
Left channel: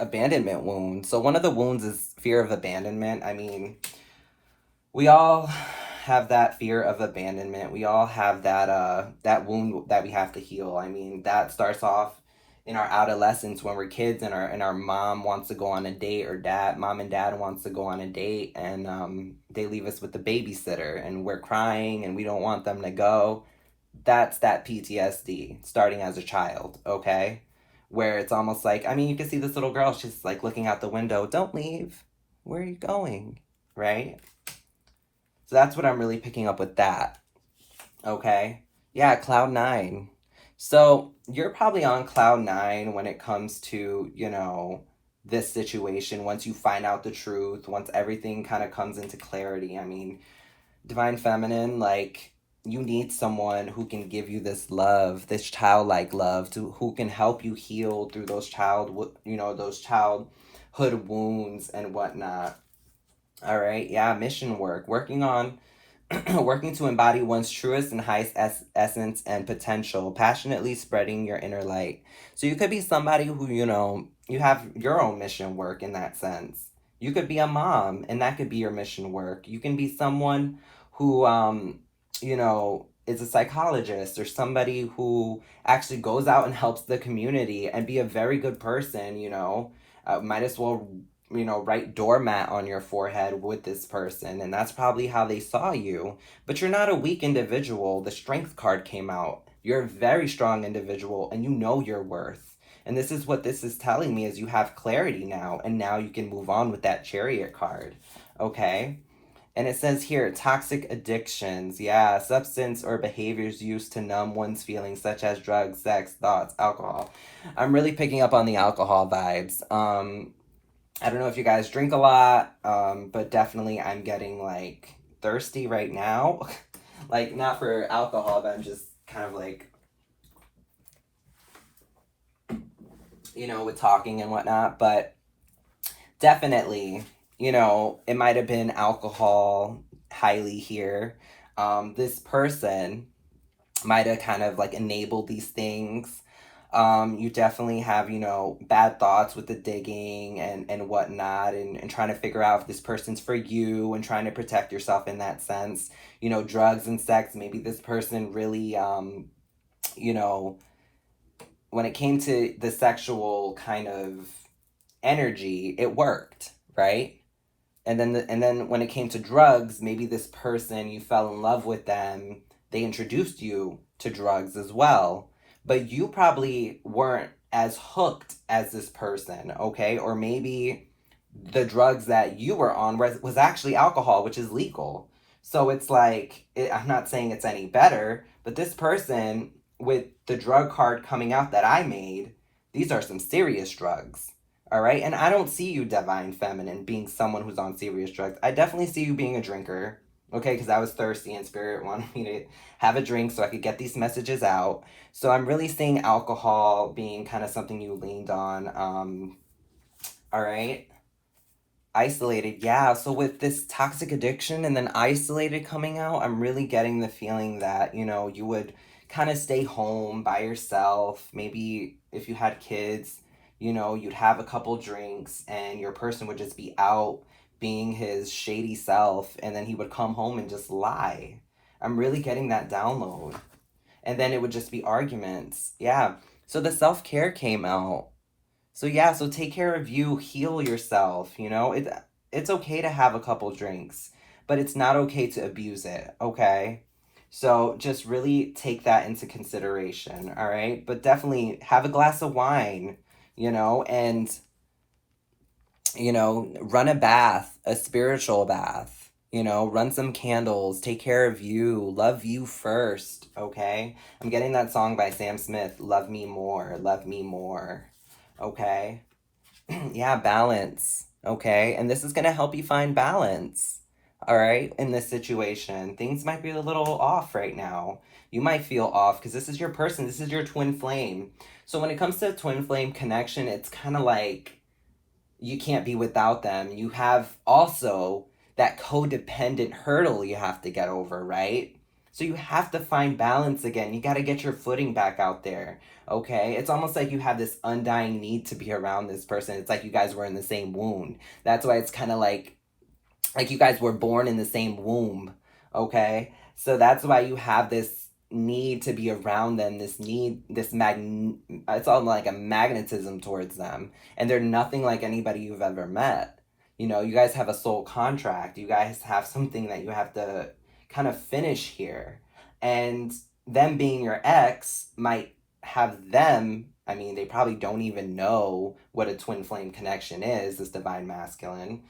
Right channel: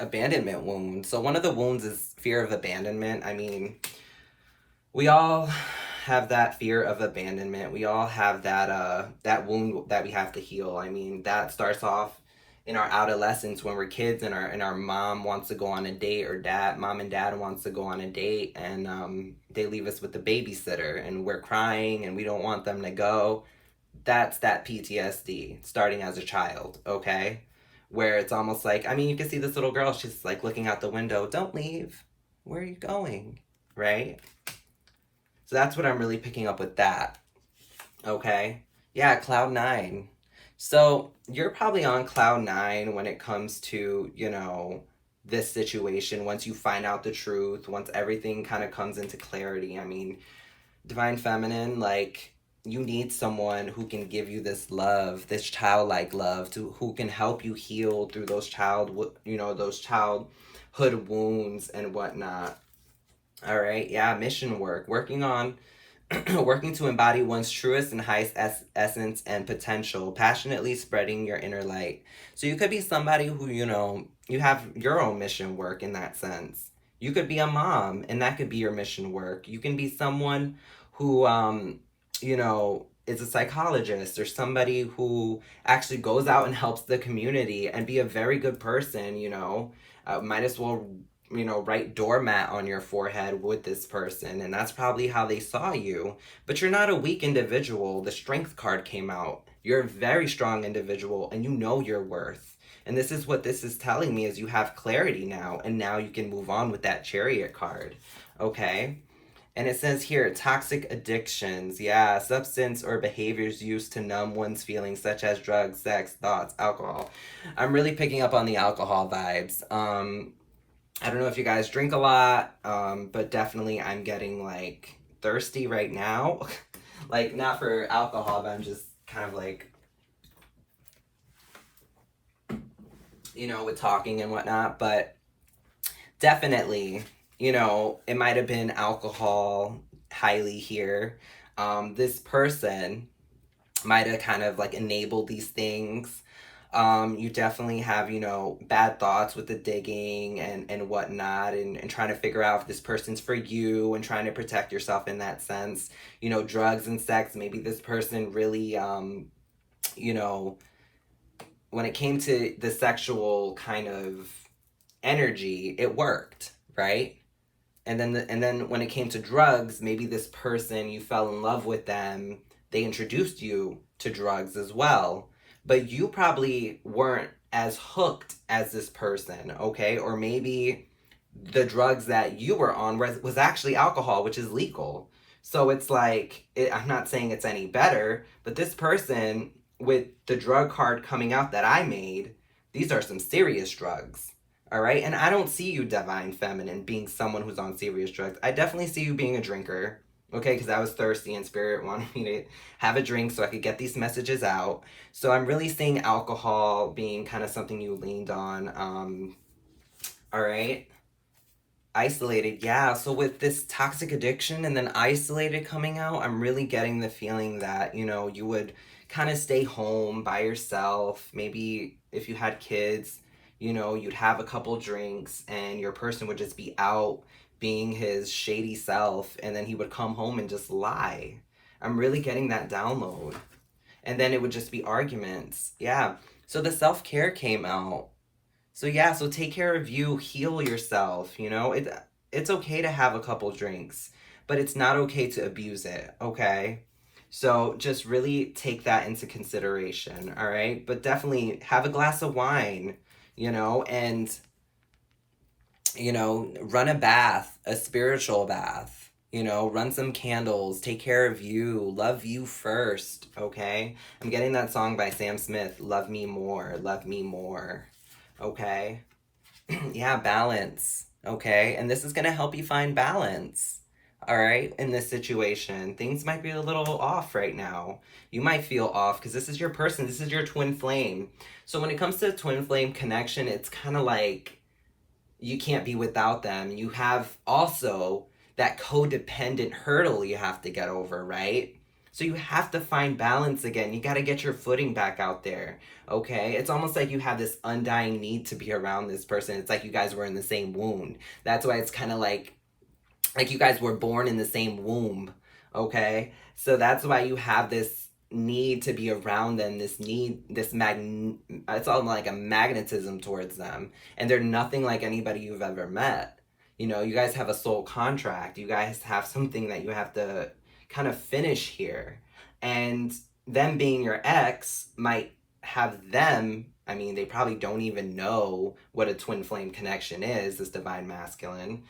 Abandonment wound. So one of the wounds is fear of abandonment. I mean, we all have that fear of abandonment. We all have that wound that we have to heal. I mean, that starts off in our adolescence when we're kids and our mom wants to go on a date, or mom and dad wants to go on a date, and they leave us with the babysitter and we're crying and we don't want them to go. That's that PTSD starting as a child, okay? Where it's almost like, I mean, you can see this little girl, she's like looking out the window, don't leave. Where are you going? Right? So that's what I'm really picking up with that. Okay? Yeah, cloud nine. So you're probably on cloud nine when it comes to, you know, this situation. Once you find out the truth, once everything kind of comes into clarity. I mean, Divine Feminine, like, you need someone who can give you this love, this childlike love, who can help you heal through those childhood wounds and whatnot. All right, yeah, mission work, working on working to embody one's truest and highest essence and potential, passionately spreading your inner light. So you could be somebody who, you know, you have your own mission work in that sense. You could be a mom, and that could be your mission work. You can be someone who, you know, is a psychologist, or somebody who actually goes out and helps the community and be a very good person, you know. Might as well, you know, write doormat on your forehead with this person, and that's probably how they saw you. But you're not a weak individual. The strength card came out. You're a very strong individual, and you know your worth. And this is what this is telling me, is you have clarity now, and now you can move on with that Chariot card. Okay? And it says here, toxic addictions. Yeah, substance or behaviors used to numb one's feelings, such as drugs, sex, thoughts, alcohol. I'm really picking up on the alcohol vibes. I don't know if you guys drink a lot, but definitely I'm getting, like, thirsty right now. Like, not for alcohol, but I'm just kind of like, you know, with talking and whatnot. But definitely, you know, it might have been alcohol highly here. This person might have kind of like enabled these things. You definitely have, you know, bad thoughts with the digging and whatnot, and trying to figure out if this person's for you, and trying to protect yourself in that sense. You know, drugs and sex, maybe this person really, you know, when it came to the sexual kind of energy, it worked, right? And then when it came to drugs, maybe this person, you fell in love with them, they introduced you to drugs as well, but you probably weren't as hooked as this person, okay? Or maybe the drugs that you were on was actually alcohol, which is legal. So it's like, I'm not saying it's any better, but this person, with the drug card coming out that I made, these are some serious drugs. All right. And I don't see you, Divine Feminine, being someone who's on serious drugs. I definitely see you being a drinker. Okay. Because I was thirsty and Spirit wanted me to have a drink so I could get these messages out. So I'm really seeing alcohol being kind of something you leaned on. All right. Isolated. Yeah. So with this toxic addiction and then isolated coming out, I'm really getting the feeling that, you know, you would kind of stay home by yourself. Maybe if you had kids, you know, you'd have a couple drinks and your person would just be out being his shady self, and then he would come home and just lie. I'm really getting that download. And then it would just be arguments. Yeah. So the self-care came out. So yeah, so take care of you, heal yourself, you know? It's okay to have a couple drinks, but it's not okay to abuse it, okay? So just really take that into consideration, all right? But definitely have a glass of wine, you know, and, you know, run a bath, a spiritual bath, you know, run some candles, take care of you, love you first, okay? I'm getting that song by Sam Smith, Love Me More, Love Me More, okay? Yeah, balance, okay? And this is going to help you find balance, all right, in this situation. Things might be a little off right now. You might feel off because this is your person. This is your twin flame. So when it comes to twin flame connection, it's kind of like you can't be without them. You have also that codependent hurdle you have to get over, right? So you have to find balance again. You got to get your footing back out there. Okay? It's almost like you have this undying need to be around this person. It's like you guys were in the same wound. That's why it's kind of like you guys were born in the same womb. Okay? So that's why you have this need to be around them, it's all like a magnetism towards them, and they're nothing like anybody you've ever met. You know, you guys have a soul contract. You guys have something that you have to kind of finish here. And them being your ex might have them, I mean, they probably don't even know what a twin flame connection is, this divine masculine.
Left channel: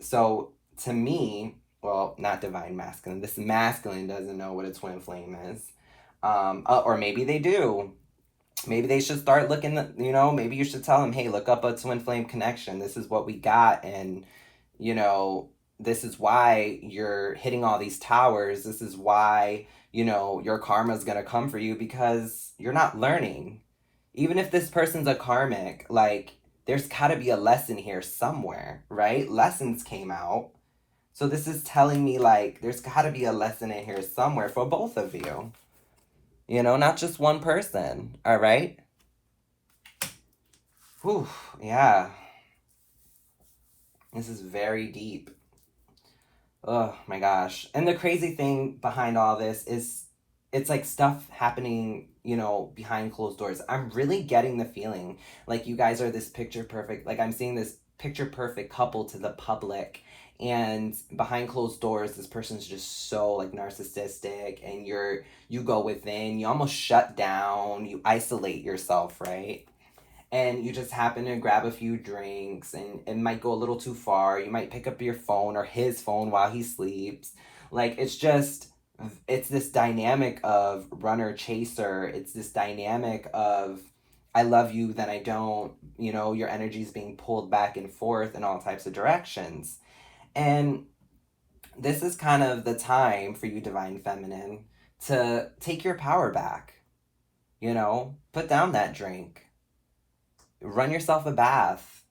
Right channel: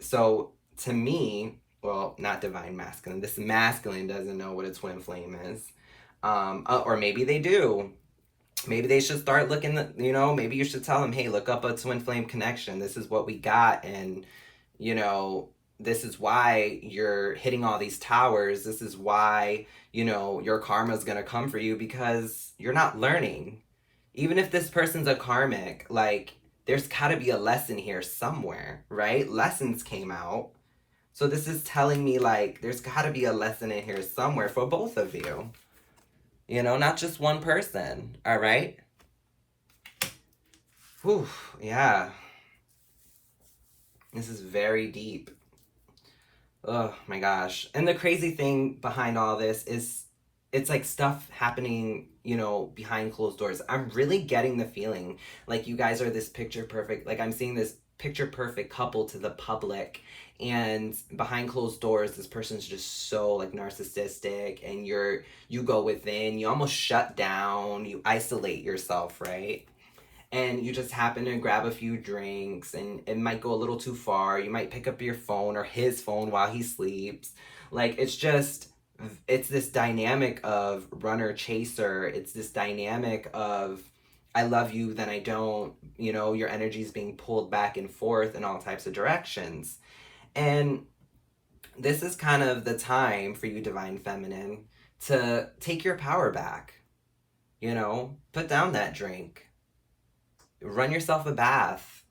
So to me, well, not divine masculine, this masculine doesn't know what a twin flame is. Or maybe they do. Maybe they should start looking, maybe you should tell them, hey, look up a twin flame connection. This is what we got. And, this is why you're hitting all these towers. This is why, your karma is going to come for you, because you're not learning. Even if this person's a karmic, like, there's got to be a lesson here somewhere, right? Lessons came out. So this is telling me, like, there's got to be a lesson in here somewhere for both of you. Not just one person, all right? Whew, yeah. This is very deep. Oh my gosh. And the crazy thing behind all this is it's like stuff happening, behind closed doors. I'm really getting the feeling like you guys are this picture perfect, like I'm seeing this picture perfect couple to the public, and behind closed doors this person's just so like narcissistic, and you go within, you almost shut down, you isolate yourself, right? And you just happen to grab a few drinks, and it might go a little too far. You might pick up your phone or his phone while he sleeps. Like, it's this dynamic of runner chaser. It's this dynamic of I love you, then I don't. Your energy is being pulled back and forth in all types of directions. And this is kind of the time for you, Divine Feminine, to take your power back. Put down that drink. Run yourself a bath.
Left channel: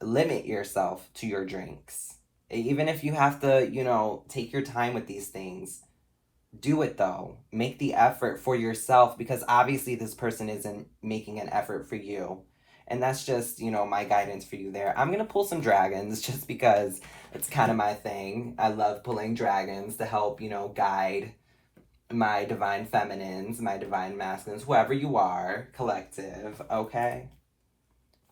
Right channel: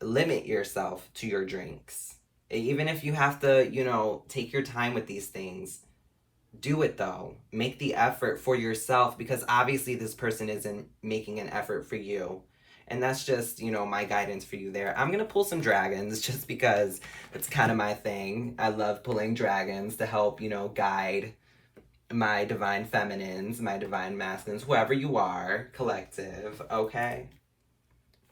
Limit yourself to your drinks. Even if you have to, take your time with these things, do it though. Make the effort for yourself, because obviously this person isn't making an effort for you. And that's just, my guidance for you there. I'm going to pull some dragons just because it's kind of my thing. I love pulling dragons to help, guide my divine feminines, my divine masculines, whoever you are, collective, okay?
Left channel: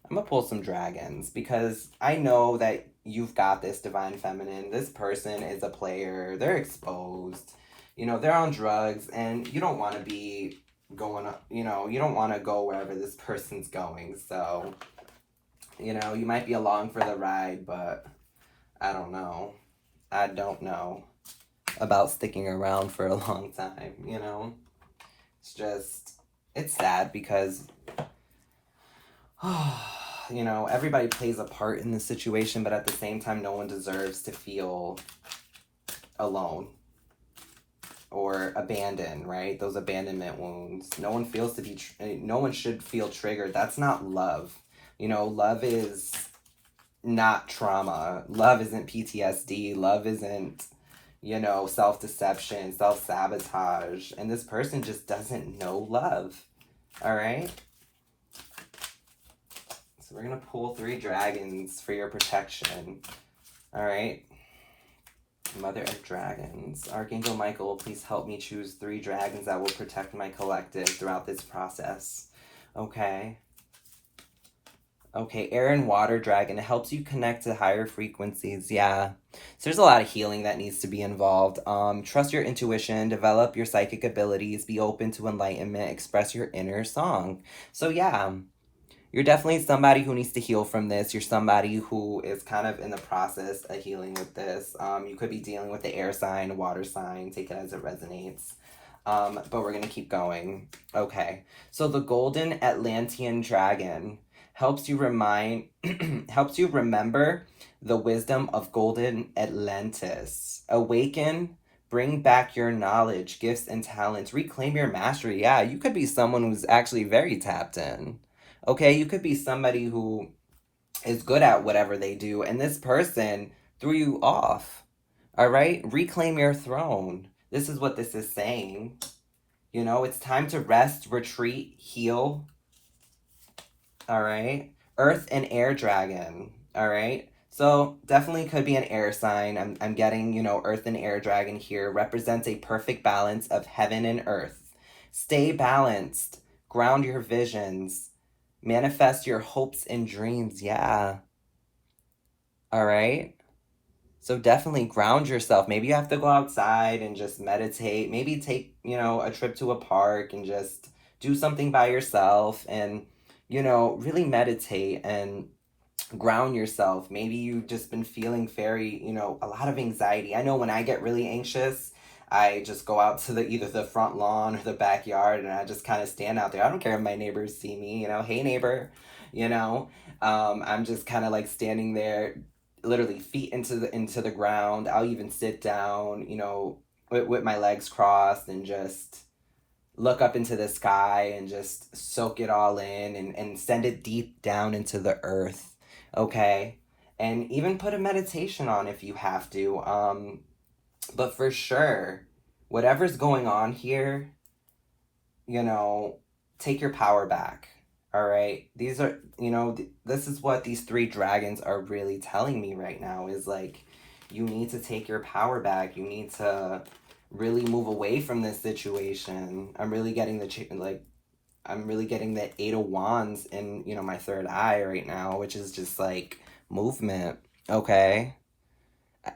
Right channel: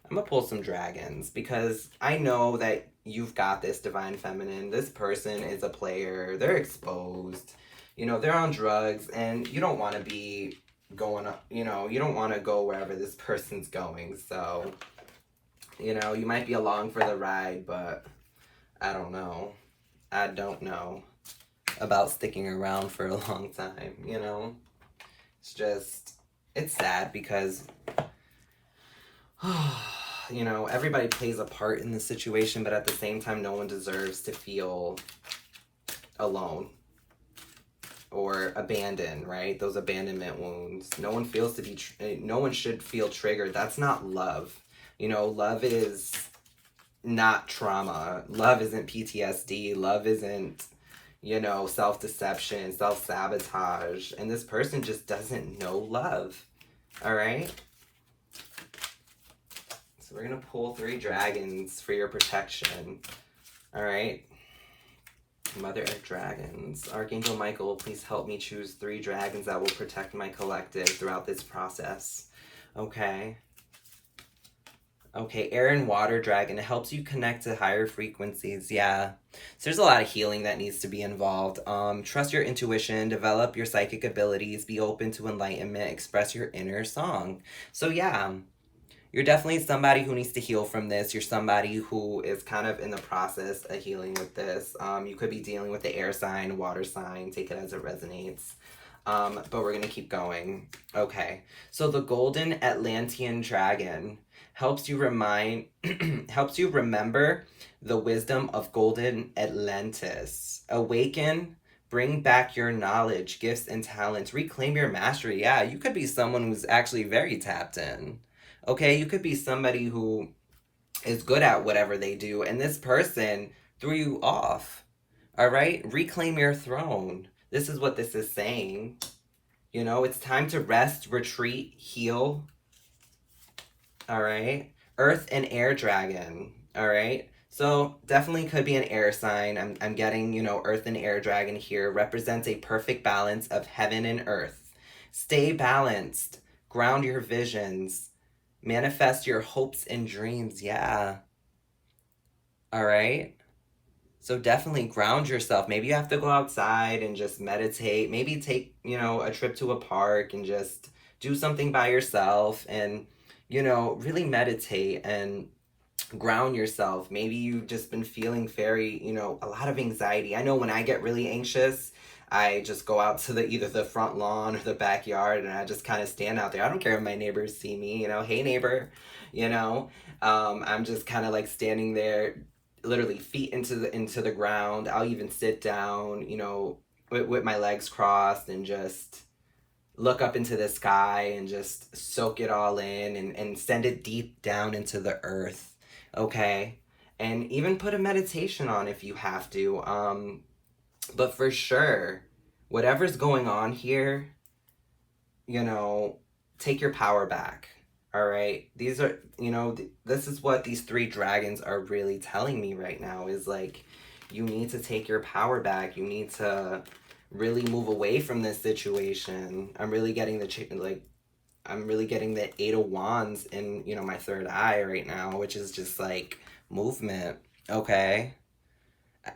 I'm gonna pull some dragons because I know that you've got this, divine feminine. This person is a player. They're exposed. They're on drugs, and you don't want to be going, you don't want to go wherever this person's going. So, you might be along for the ride, but I don't know. I don't know about sticking around for a long time, it's sad because everybody plays a part in the situation, but at the same time no one deserves to feel alone or abandoned, right? Those abandonment wounds. No one should feel triggered. That's not love. Love is not trauma. Love isn't PTSD. Love isn't self-deception, self-sabotage. And this person just doesn't know love. All right? So we're going to pull 3 dragons for your protection. All right? Mother of Dragons. Archangel Michael, please help me choose 3 dragons that will protect my collective throughout this process. Okay? Okay, air and water dragon. It helps you connect to higher frequencies. Yeah. So there's a lot of healing that needs to be involved. Trust your intuition, develop your psychic abilities, be open to enlightenment, express your inner song. So yeah, you're definitely somebody who needs to heal from this. You're somebody who is kind of in the process of healing with this. You could be dealing with the air sign, water sign, take it as it resonates. But we're going to keep going. Okay, so the golden Atlantean dragon helps you remember the wisdom of golden Atlantis. Awaken, bring back your knowledge, gifts, and talents. Reclaim your mastery. Yeah, you could be someone who's actually very tapped in. Okay, you could be somebody who is good at whatever they do, and this person threw you off. All right? Reclaim your throne. This is what this is saying. You know, it's time to rest, retreat, heal. All right. Earth and air dragon. All right. So definitely could be an air sign. I'm getting, you know, earth and air dragon here represents a perfect balance of heaven and earth. Stay balanced. Ground your visions. Manifest your hopes and dreams. Yeah. All right. So definitely ground yourself. Maybe you have to go outside and just meditate. Maybe take, you know, a trip to a park and just do something by yourself and, you know, really meditate and ground yourself. Maybe you've just been feeling very, you know, a lot of anxiety. I know when I get really anxious, I just go out to the either the front lawn or the backyard and I just kind of stand out there. I don't care if my neighbors see me, you know, hey neighbor, you know. I'm just kind of like standing there literally feet into the ground. I'll even sit down, you know, with my legs crossed and just look up into the sky and just soak it all in and send it deep down into the earth, okay? And even put a meditation on if you have to. But for sure, whatever's going on here, you know, take your power back. All right. These are, you know, this is what these three dragons are really telling me right now is like, you need to take your power back. You need to really move away from this situation. I'm really getting I'm really getting the Eight of Wands in, you know, my third eye right now, which is just like movement. Okay.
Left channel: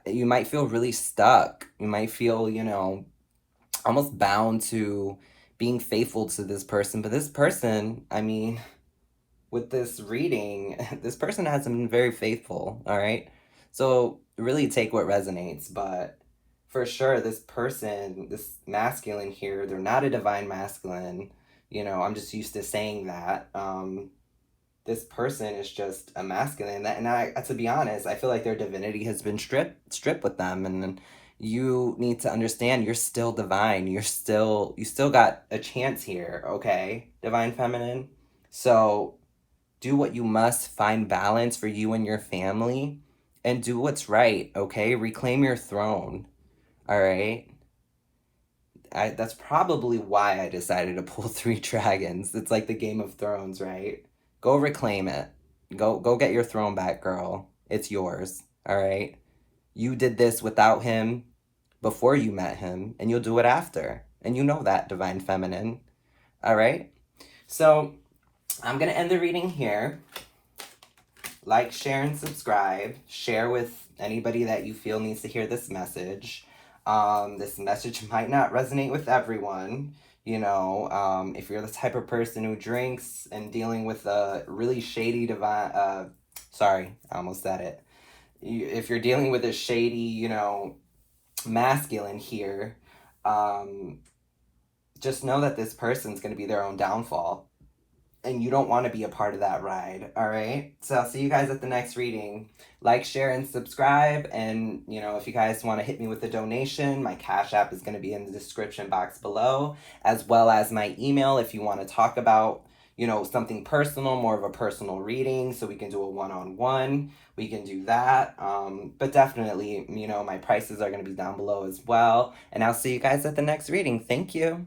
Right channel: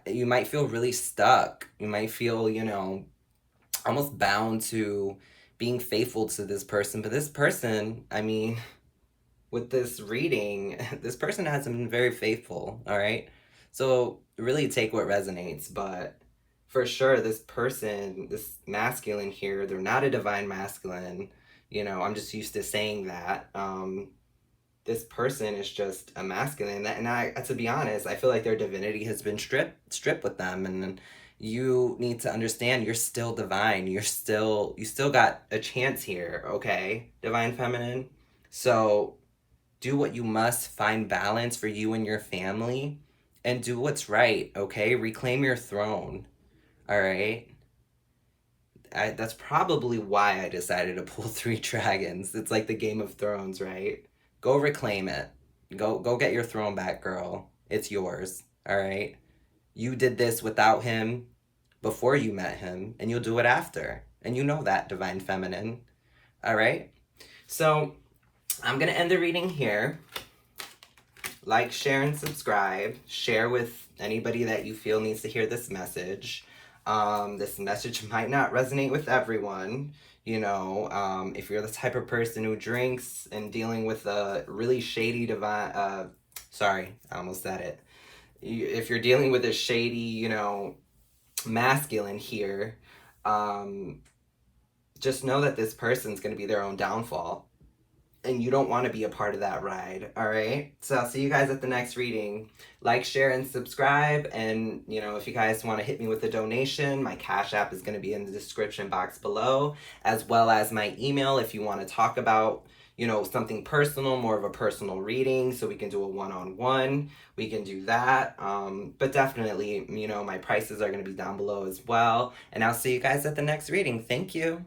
You might feel really stuck. You might feel, you know, almost bound to being faithful to this person. But this person, I mean, with this reading, this person hasn't been very faithful, all right? So really take what resonates. But for sure, this person, this masculine here, they're not a divine masculine. You know, I'm just used to saying that. This person is just a masculine. And I, to be honest, I feel like their divinity has been stripped with them. And then you need to understand you're still divine. You still got a chance here, okay? Divine feminine. So do what you must, find balance for you and your family, and do what's right, okay? Reclaim your throne, all right? That's probably why I decided to pull three dragons. It's like the Game of Thrones, right? Go reclaim it. Go get your throne back, girl. It's yours, all right? You did this without him before you met him, and you'll do it after. And you know that, Divine Feminine, all right? So I'm going to end the reading here. Like, share, and subscribe. Share with anybody that you feel needs to hear this message. This message might not resonate with everyone. You know, if you're the type of person who drinks and dealing with a really shady sorry, I almost said it. If you're dealing with a shady, you know, masculine here, just know that this person's going to be their own downfall. And you don't want to be a part of that ride, all right? So I'll see you guys at the next reading. Like, share, and subscribe. And, you know, if you guys want to hit me with a donation, my Cash App is going to be in the description box below, as well as my email if you want to talk about, you know, something personal, more of a personal reading, so we can do a one-on-one. We can do that. But definitely, you know, my prices are going to be down below as well. And I'll see you guys at the next reading. Thank you.